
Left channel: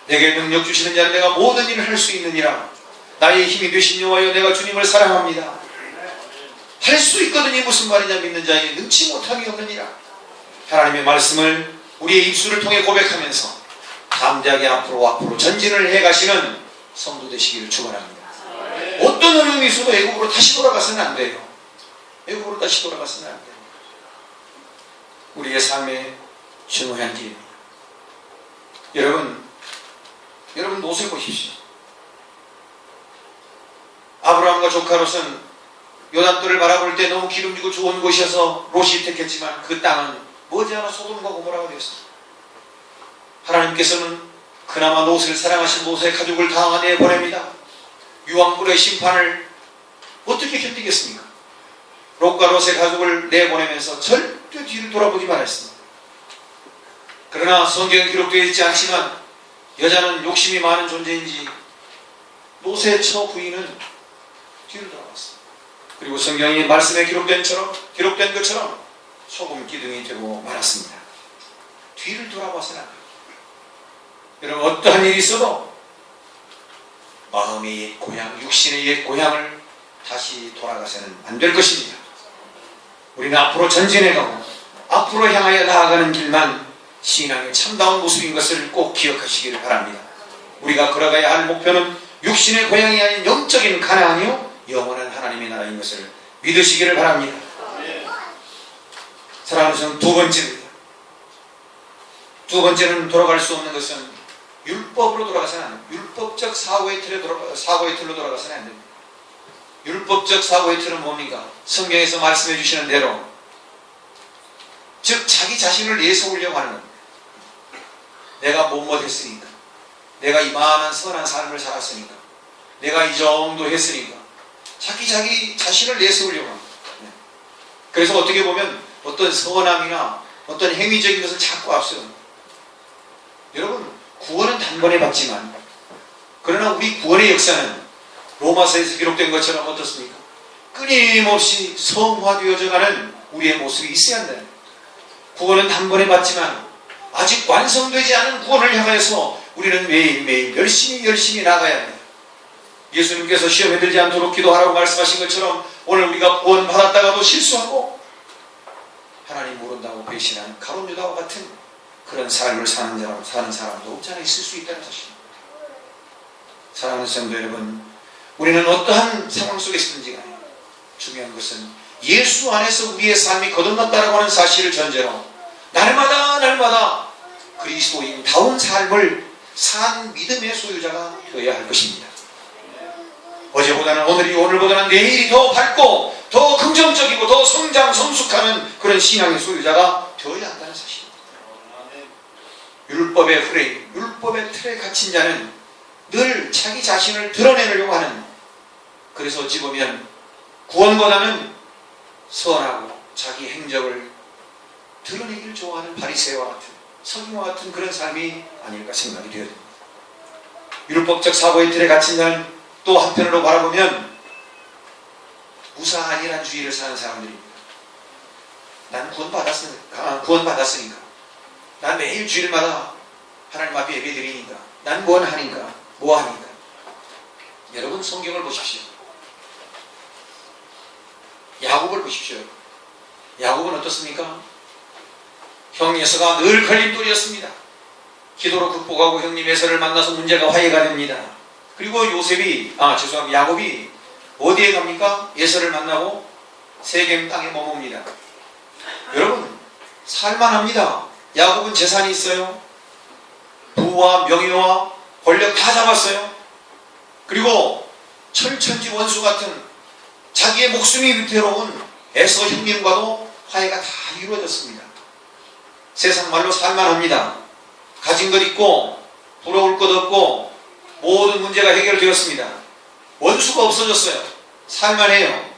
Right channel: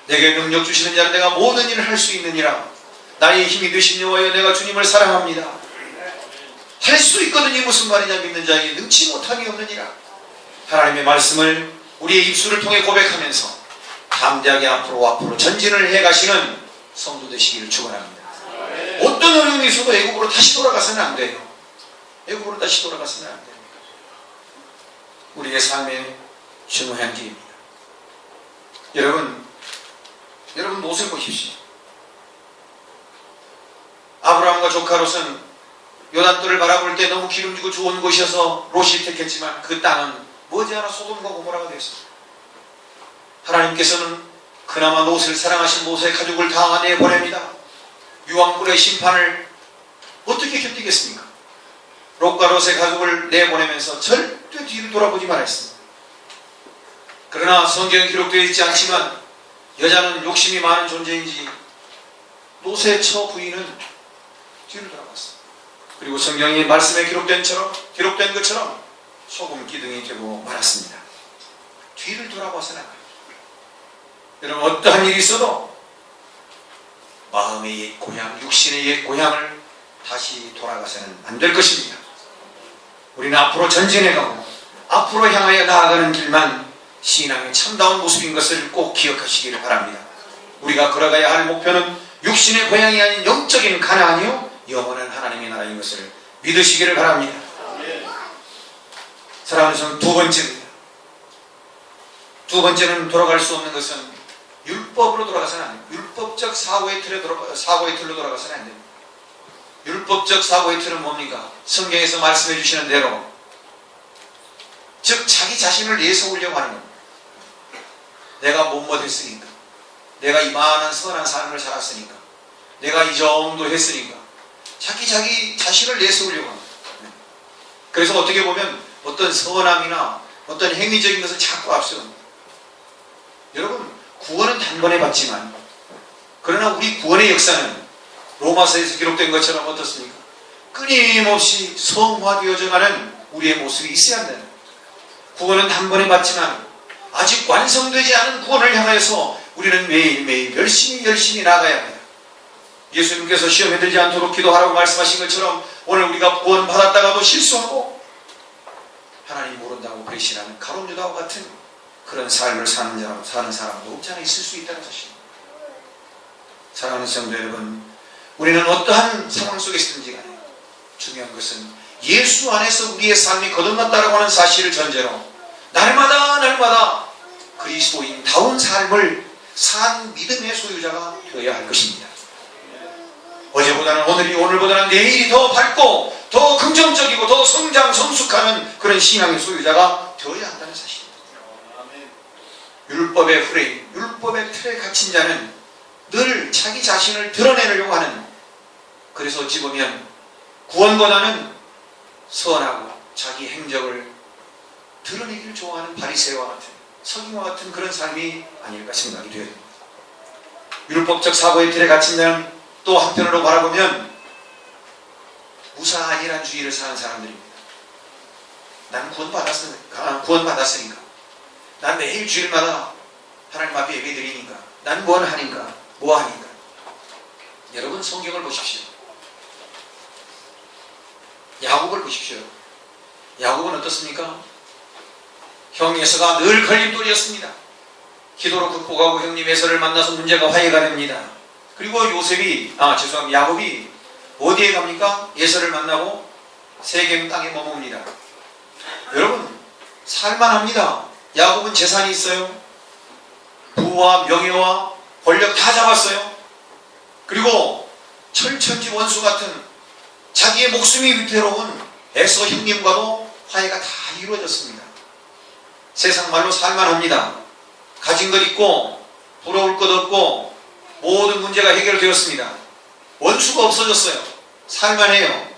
내게 능력 주시는 자는 내가 모든 일을 할 수 있느니라, 나의 힘이 되신 여호와여 내가 주님을 사랑합니다, 할 수 있거든요. 무슨 말이냐, 믿는 자에게 능치 못함이 없느니라. 하나님의 말씀을 우리의 입술을 통해 고백하면서 담대하게 앞으로 전진을 해가시는 성도 되시기를 축원합니다. 어떤 어려움이 있어도 애국으로 다시 돌아가서는 안 돼요. 애국으로 다시 돌아가서는 안 돼요. 우리의 삶의 중요한 길입니다. 여러분 롯을 보십시오. 아브라함과 조카 롯은 요단강을 바라볼 때 너무 기름지고 좋은 곳이어서 롯이 택했지만 그 땅은 머지않아 소돔과 고모라가 되었습니다. 하나님께서는 그나마 롯을 사랑하신 롯의 가족을 다 내보냅니다. 유황불의 심판을 어떻게 견디겠습니까? 롯과 롯의 가족을 내보내면서 절대 뒤를 돌아보지 말았습니다. 그러나 성경에 기록되어 있지 않지만 여자는 욕심이 많은 존재인지 노새 처 부인은 뒤를 돌아봤습니다. 그리고 성경이 말씀에 기록된 것처럼 소금 기둥이 되고 말았습니다. 뒤를 돌아봐서는 안 돼요. 여러분, 어떠한 일이 있어도 마음의 옛 고향, 육신의 옛 고향을 다시 돌아가서는 안 될 것입니다. 우리는 앞으로 전진해가고 앞으로 향하여 나아가는 길만 신앙의 참다운 모습인 것을 꼭 기억하시기를 바랍니다. 우리가 걸어가야 할 목표는 육신의 고향이 아닌 영적인 가나안이요 영원한 하나님의 나라인 것을 믿으시기를 바랍니다. 사랑하는 전 두 번째입니다. 두 번째는 돌아갈 수 없는 것은 율법으로 돌아가서는 안 됩니다. 율법적 사고의 틀로 돌아가서는 안 됩니다. 율법적 사고의 틀은 뭡니까? 성경에서 말씀해 주시는 대로, 즉 자기 자신을 내세우려고 하는 겁니다. 내가 못했으니까, 내가 이만한 선한 삶을 살았으니까, 내가 이 정도 했으니까 자기 자신을 내세우려고 합니다. 그래서 어떻게 보면 어떤 선함이나 어떤 행위적인 것을 자꾸 앞세웁니다. 여러분, 구원은 단번에 받지만, 그러나 우리 구원의 역사는 로마서에서 기록된 것처럼 어떻습니까? 끊임없이 성화되어져 가는 우리의 모습이 있어야 한다. 구원은 단번에 받지만 아직 완성되지 않은 구원을 향하여서 우리는 매일매일 열심히 나아가야 합니다. 예수님께서 시험에 들지 않도록 기도하라고 말씀하신 것처럼 오늘 우리가 구원 받았다가도 실수하고 하나님 모른다고 배신하는 가룟 유다와 같은 그런 삶을 사는 사람도 없지 않아 있을 수 있다는 사실입니다. 사랑하는 성도 여러분, 우리는 어떠한 상황 속에 있든지 간에 중요한 것은 예수 안에서 우리의 삶이 거듭났다고 하는 사실을 전제로 날마다 그리스도인다운 삶을 산 믿음의 소유자가 되어야 할 것입니다. 어제보다는 오늘이, 오늘보다는 내일이 더 밝고 더 긍정적이고 더 성숙하는 그런 신앙의 소유자가 되어야 한다는 사실입니다. 율법의 프레임, 율법의 틀에 갇힌 자는 늘 자기 자신을 드러내려고 하는, 그래서 어찌 보면 구원보다는 선하고 자기 행적을 드러내기를 좋아하는 바리새와 같은, 서기와 같은 그런 삶이 아닐까 생각이 되어요. 율법적 사고의 틀에 갇힌 자는 또 한편으로 바라보면 무사안일한 주의를 사는 사람들입니다. 난 구원받았으니까, 난 매일 주일마다 하나님 앞에 예배 드리니까, 난 뭐하니까. 여러분, 성경을 보십시오. 야곱을 보십시오. 야곱은 어떻습니까? 형 에서가 늘 걸림돌이었습니다. 기도로 극복하고 형님 에서를 만나서 문제가 화해가 됩니다. 그리고 야곱이 어디에 갑니까? 에서를 만나고 세겜 땅에 머뭅니다. 여러분, 살만합니다. 야곱은 재산이 있어요. 부와 명예와 권력 다 잡았어요. 그리고 철천지 원수 같은 자기의 목숨이 위태로운 에서 형님과도 화해가 다 이루어졌습니다. 세상 말로 살만합니다. 가진 것 있고 부러울 것 없고 모든 문제가 해결되었습니다. 원수가 없어졌어요. 살만해요.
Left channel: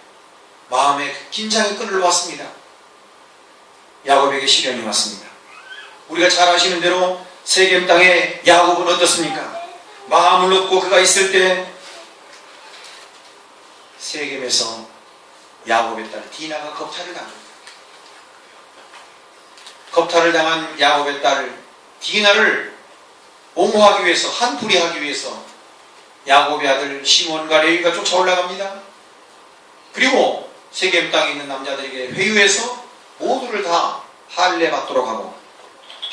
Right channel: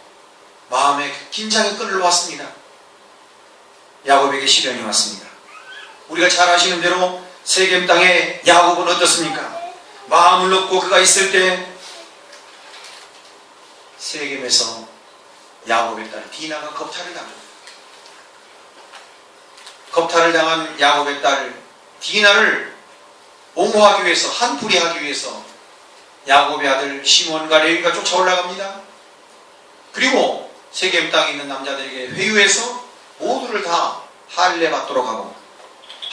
마음에 긴장의 끈을 놓았습니다. 야곱에게 시련이 왔습니다. 우리가 잘 아시는 대로 세겜 땅에 야곱은 어떻습니까? 마음을 놓고 그가 있을 때 세겜에서 야곱의 딸 디나가 겁탈을 당합니다. 겁탈을 당한 야곱의 딸 디나를 옹호하기 위해서, 한풀이하기 위해서 야곱의 아들 시몬과 레위가 쫓아 올라갑니다. 그리고 세겜 땅에 있는 남자들에게 회유해서 모두를 다 할례 받도록 하고,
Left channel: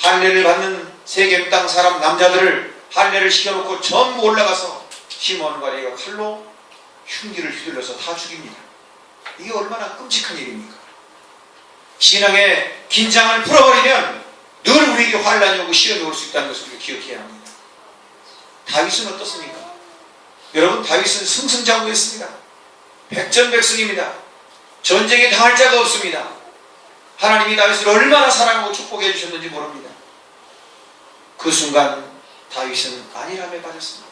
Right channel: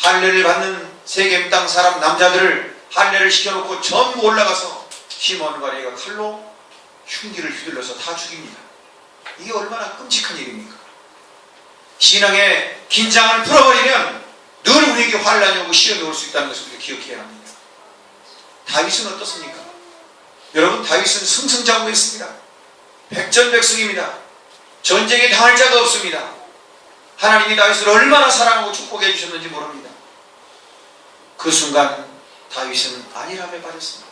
할례를 받는 세겜 땅 사람 남자들을 할례를 시켜놓고 전부 올라가서 시몬과 레위가 칼로 흉기를 휘둘러서 다 죽입니다. 이게 얼마나 끔찍한 일입니까? 신앙의 긴장을 풀어버리면 늘 우리에게 환란이 오고 시련이 올 수 있다는 것을 기억해야 합니다. 다윗은 어떻습니까? 여러분, 다윗은 승승장구했습니다. 백전백승입니다. 전쟁에 당할 자가 없습니다. 하나님이 다윗을 얼마나 사랑하고 축복해 주셨는지 모릅니다. 그 순간 다윗은 안일함에 빠졌습니다.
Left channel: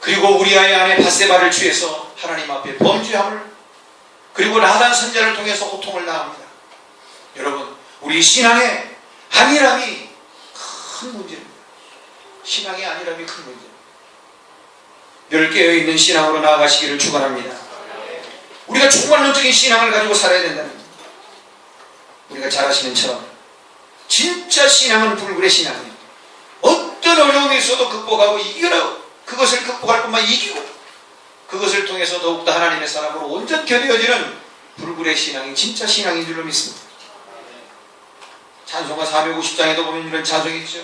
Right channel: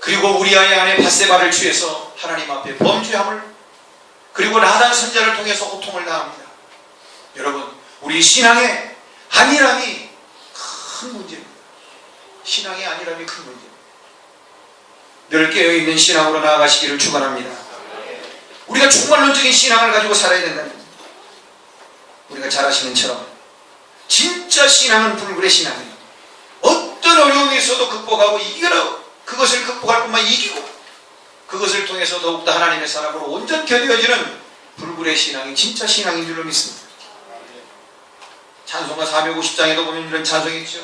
그리고 우리아의 아내 밧세바를 취해서 하나님 앞에 범죄함을, 그리고 나단 선자를 통해서 고통을 당합니다. 여러분, 우리 신앙의 안일함이 큰 문제입니다. 신앙이 아니라면 큰 문제입니다. 늘 깨어있는 신앙으로 나아가시기를 축원합니다. 우리가 종말론적인 신앙을 가지고 살아야 된다는 겁니다. 우리가 잘 아시는 처럼 진짜 신앙은 불굴의 신앙이에요. 어떤 어려움이 있어도 극복하고 이겨라. 그것을 극복할 것만 이기고 그것을 통해서 더욱더 하나님의 사람으로 온전히 되어지는 불굴의 신앙이 진짜 신앙인 줄로 믿습니다. 찬송가 450장에도 보면 이런 찬송이 있죠.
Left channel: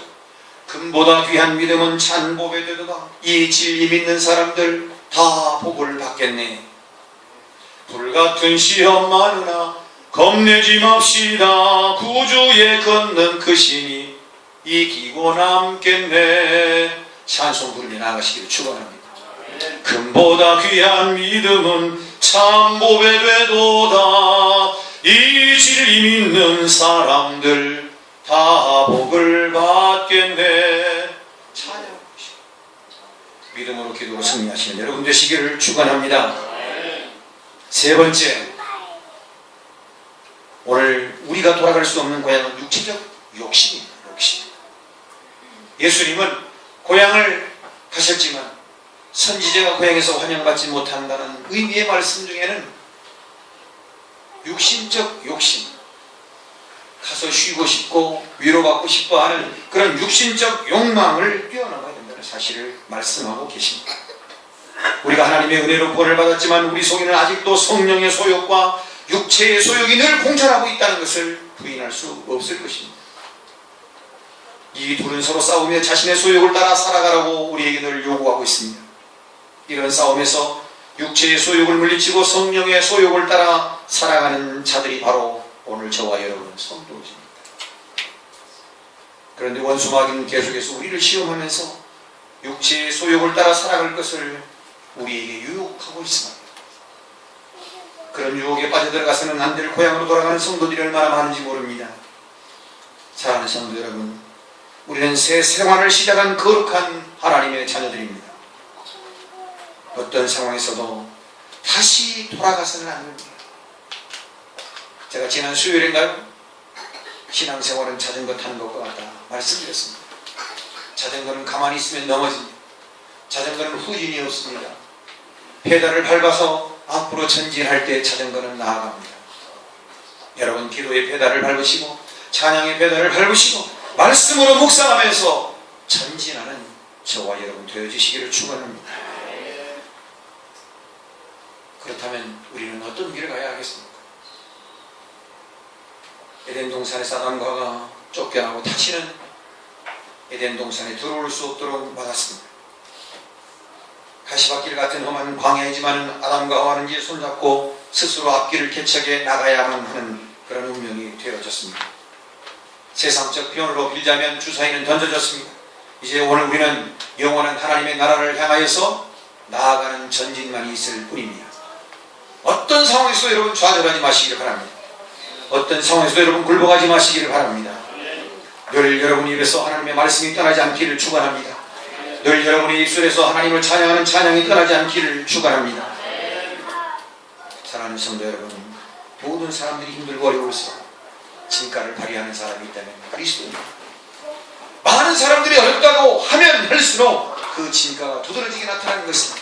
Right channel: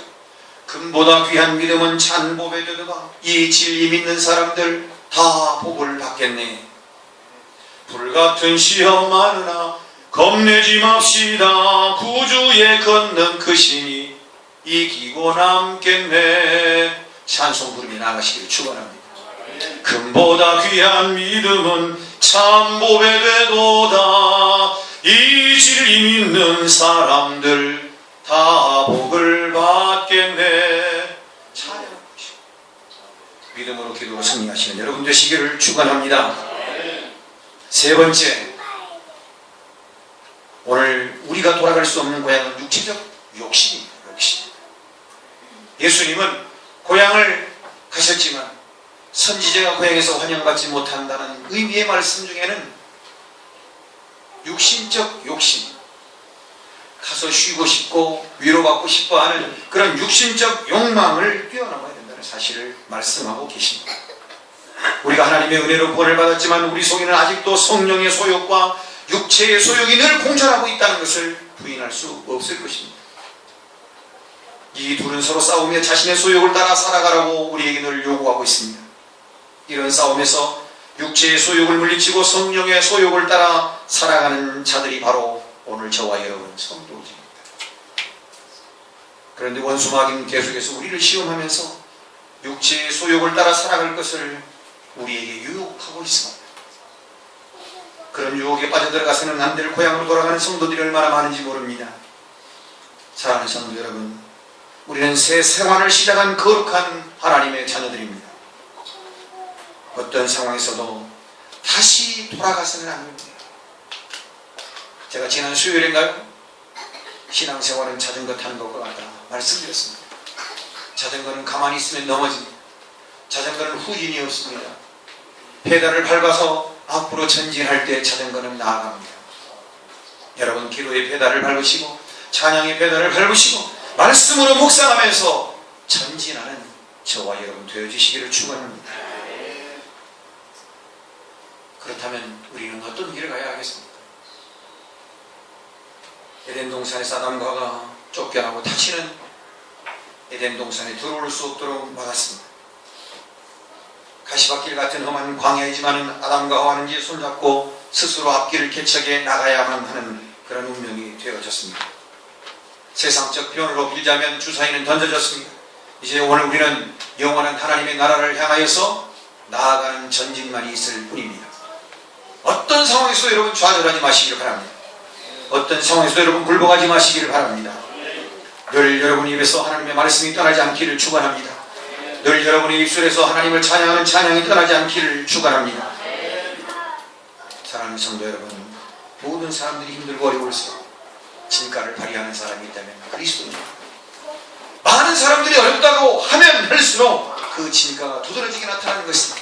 금보다 귀한 믿음은 찬복에 되도다. 이 진리 믿는 사람들 다 복을 받겠네. 불같은 시험 많으나 겁내지 맙시다. 구주에 걷는 그 신이 이기고 남겠네. 찬송 부르며 나가시기를 축원합니다. 금보다 귀한 믿음은 참복에 되도다. 이 진리 믿는 사람들 다 복을 받겠네. 찬양하시고 믿음으로 기도로 승리하시는 여러분 되시기를 축원합니다. 세 번째, 오늘 우리가 돌아갈 수 없는 고향은 육체적 욕심입니다. 욕심. 예수님은 고향을 가셨지만 선지자가 고향에서 환영받지 못한다는 의미의 말씀 중에는 육신적 욕심, 가서 쉬고 싶고 위로받고 싶어 하는 그런 육신적 욕망을 뛰어넘어야 된다는 사실을 말씀하고 계십니다. 우리가 하나님의 은혜로 구원을 받았지만 우리 속에는 아직도 성령의 소욕과 육체의 소욕이 늘 공존하고 있다는 것을 부인할 수 없을 것입니다. 이 둘은 서로 싸우며 자신의 소욕을 따라 살아가라고 우리에게 늘 요구하고 있습니다. 이런 싸움에서 육체의 소욕을 물리치고 성령의 소욕을 따라 살아가는 자들이 바로 오늘 저와 여러분 성도들입니다. 그런데 원수마귀는 계속해서 우리를 시험하면서 육체의 소욕을 따라 살아갈 것을 우리에게 유혹하고 있습니다. 그런 유혹에 빠져들어가서는 안 될 고향으로 돌아가는 성도들이 얼마나 많은지 모릅니다. 사랑하는 성도 여러분, 우리는 새 생활을 시작한 거룩한 하나님의 자녀들입니다. 어떤 상황에서도 다시 돌아가서는 안 됩니다. 제가 지난 수요일인가요? 신앙생활은 자전거 타는 것과 같다 말씀드렸습니다. 자전거는 가만히 있으면 넘어집니다. 자전거는 후진이 없습니다. 페달을 밟아서 앞으로 전진할 때 자전거는 나아갑니다. 여러분 기도의 페달을 밟으시고 찬양의 페달을 밟으시고 말씀으로 묵상하면서 전진하는 저와 여러분 되어주시기를 축원합니다. 그렇다면 우리는 어떤 길을 가야 하겠습니까? 에덴 동산에서 아담과 하와가 쫓겨나고 다시는 에덴 동산에 들어올 수 없도록 막았습니다. 가시밭길 같은 험한 광야이지만 아담과 하와는 이제 손잡고 스스로 앞길을 개척해 나가야만 하는 그런 운명이 되어졌습니다. 세상적 표현으로 빌자면 주사위는 던져졌습니다. 이제 오늘 우리는 영원한 하나님의 나라를 향하여서 나아가는 전진만이 있을 뿐입니다. 어떤 상황에서 여러분 좌절하지 마시기를 바랍니다. 어떤 상황에서 여러분 굴복하지 마시기를 바랍니다. 늘 여러분 입에서 하나님의 말씀이 떠나지 않기를 축원합니다. 늘 여러분의 입술에서 하나님을 찬양하는 찬양이 떠나지 않기를 축원합니다. 사랑하는 성도 여러분, 모든 사람들이 힘들고 어려울수록 진가를 발휘하는 사람이 있다면 그리스도입니다. 많은 사람들이 어렵다고 하면 할수록 그 진가가 두드러지게 나타나는 것은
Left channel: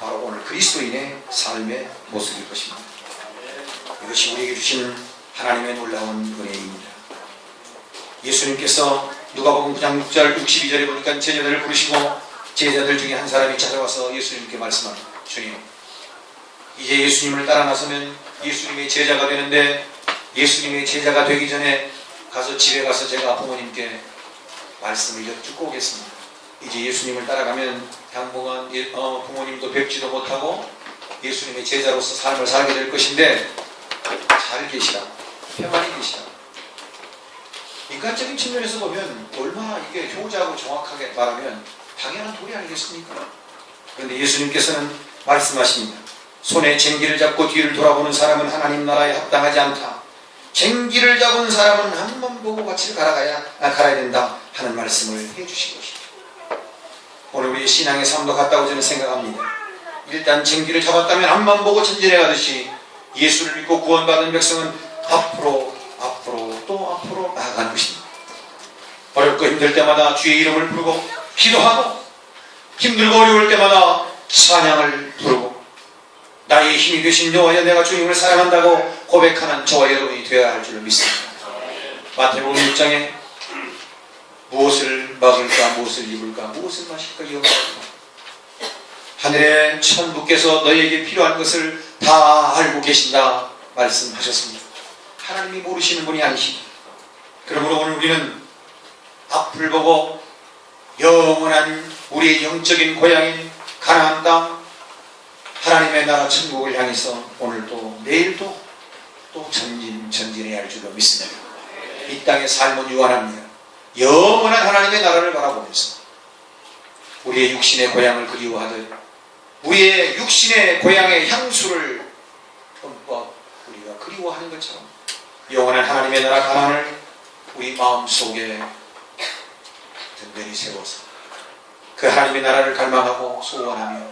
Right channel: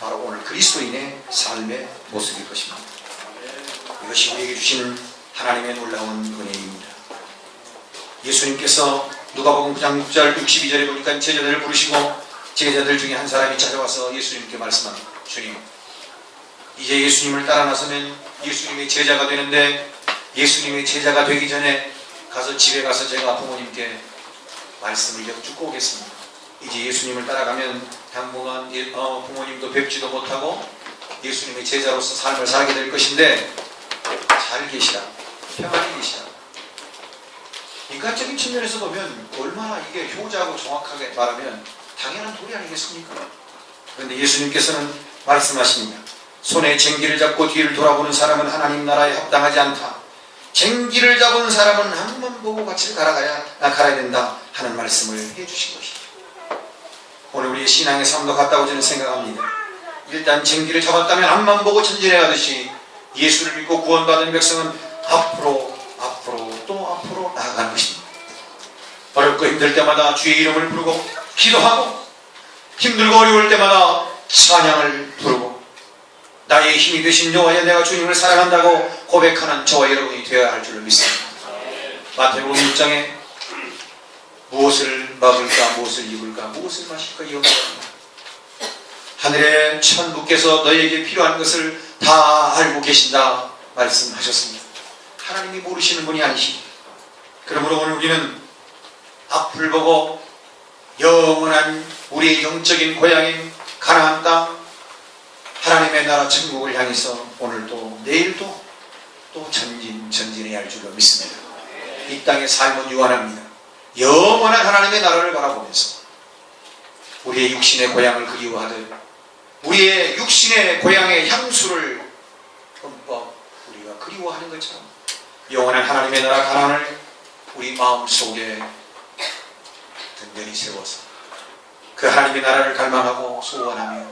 바로 오늘 그리스도인의 삶의 모습일 것입니다. 이것이 우리에게 주시는 하나님의 놀라운 은혜입니다. 예수님께서 누가복음 9장 6절 62절에 보니까 제자들을 부르시고 제자들 중에 한 사람이 찾아와서 예수님께 말씀합니다. 주님, 이제 예수님을 따라 나서면 예수님의 제자가 되는데 예수님의 제자가 되기 전에 가서 집에 가서 제가 부모님께 말씀을 여쭙고 오겠습니다. 이제 예수님을 따라가면 당분간 부모님도 뵙지도 못하고 예수님의 제자로서 삶을 살게 될 것인데 잘 계시라, 평안히 계시라. 인간적인 측면에서 보면 얼마나 이게 효자고 정확하게 말하면 당연한 도리 아니겠습니까? 그런데 예수님께서는 말씀하십니다. 손에 쟁기를 잡고 뒤를 돌아보는 사람은 하나님 나라에 합당하지 않다. 쟁기를 잡은 사람은 한 번 보고 같이 갈아야 된다 하는 말씀을 해주신 것이죠. 오늘 우리의 신앙의 삶도 같다고 저는 생각합니다. 일단 쟁기를 잡았다면 한번 보고 전진해 가듯이 예수를 믿고 구원받은 백성은 앞으로 또 앞으로 나아가는 것입니다. 어렵고 어렵고 힘들 때마다 주의 이름을 부르고 기도하고 힘들고 어려울 때마다 찬양을 부르고 나의 힘이 되신 여호와여 내가 주님을 사랑한다고 고백하는 저와 여러분이 되어야 할 줄로 믿습니다. 마태복음 6장에 무엇을 먹을까 무엇을 입을까 무엇을 마실까 염려합니다. 하늘의 천부께서 너에게 필요한 것을 다 알고 계신다 말씀하셨습니다. 하나님이 모르시는 분이 아니십니다. 그러므로 오늘 우리는 앞을 보고 영원한 우리의 영적인 고향인 가나안 땅 하나님의 나라 천국을 향해서 오늘도 내일도 또 전진해야 할 줄로 믿습니다. 이 땅의 삶은 유한합니다. 영원한 하나님의 나라를 바라보면서 우리의 육신의 고향을 그리워하듯 우리의 육신의 고향의 향수를 흠뻑 우리가 그리워하는 것처럼 영원한 하나님의 나라 가나안을 우리 마음속에 든든히 세워서 그 하나님의 나라를 갈망하고 소원하며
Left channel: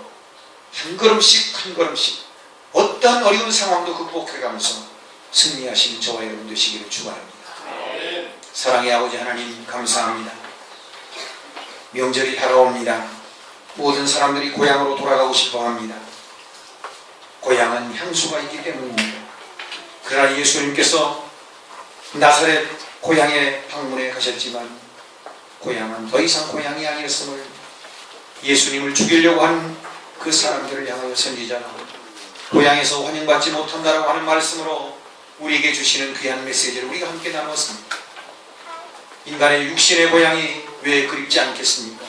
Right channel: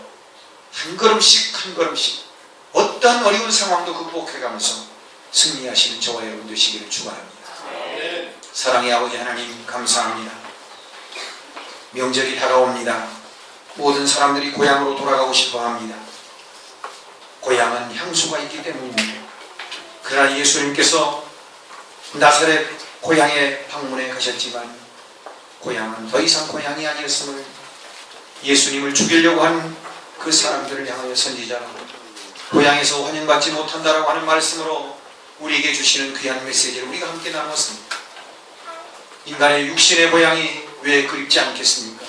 한 걸음씩 한 걸음씩 어떤 어려운 상황도 극복해가면서 승리하시는 저와 여러분 되시기를 축원합니다. 사랑의 아버지 하나님 감사합니다. 명절이 다가옵니다. 모든 사람들이 고향으로 돌아가고 싶어합니다. 고향은 향수가 있기 때문입니다. 그러나 예수님께서 나사렛 고향에 방문해 가셨지만 고향은 더 이상 고향이 아니었음을 예수님을 죽이려고 하는 그 사람들을 향하여 선지자로 고향에서 환영받지 못한다라고 하는 말씀으로 우리에게 주시는 귀한 메시지를 우리가 함께 나눴습니다. 인간의 육신의 고향이 왜 그립지 않겠습니까?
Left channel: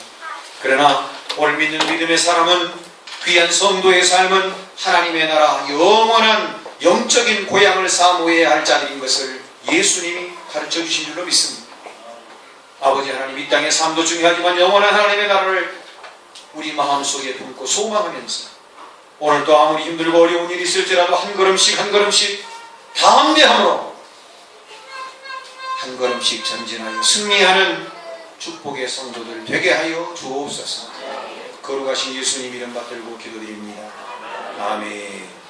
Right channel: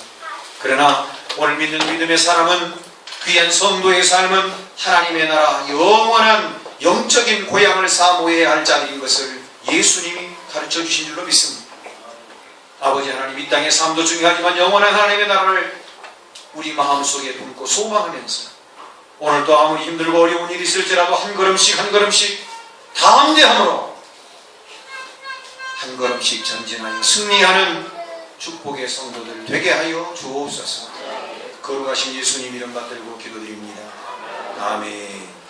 그러나 오늘 믿는 믿음의 사람은 귀한 성도의 삶은 하나님의 나라 영원한 영적인 고향을 사모해야 할 자리인 것을 예수님이 가르쳐 주신 줄로 믿습니다. 아버지 하나님 이 땅의 삶도 중요하지만 영원한 하나님의 나라를 우리 마음속에 품고 소망하면서 오늘도 아무리 힘들고 어려운 일이 있을지라도 한 걸음씩 한 걸음씩 담대함으로 한 걸음씩 전진하여 승리하는 축복의 성도들 되게 하여 주옵소서. 거룩하신 예수님 이름 받들고 기도드립니다. 아멘.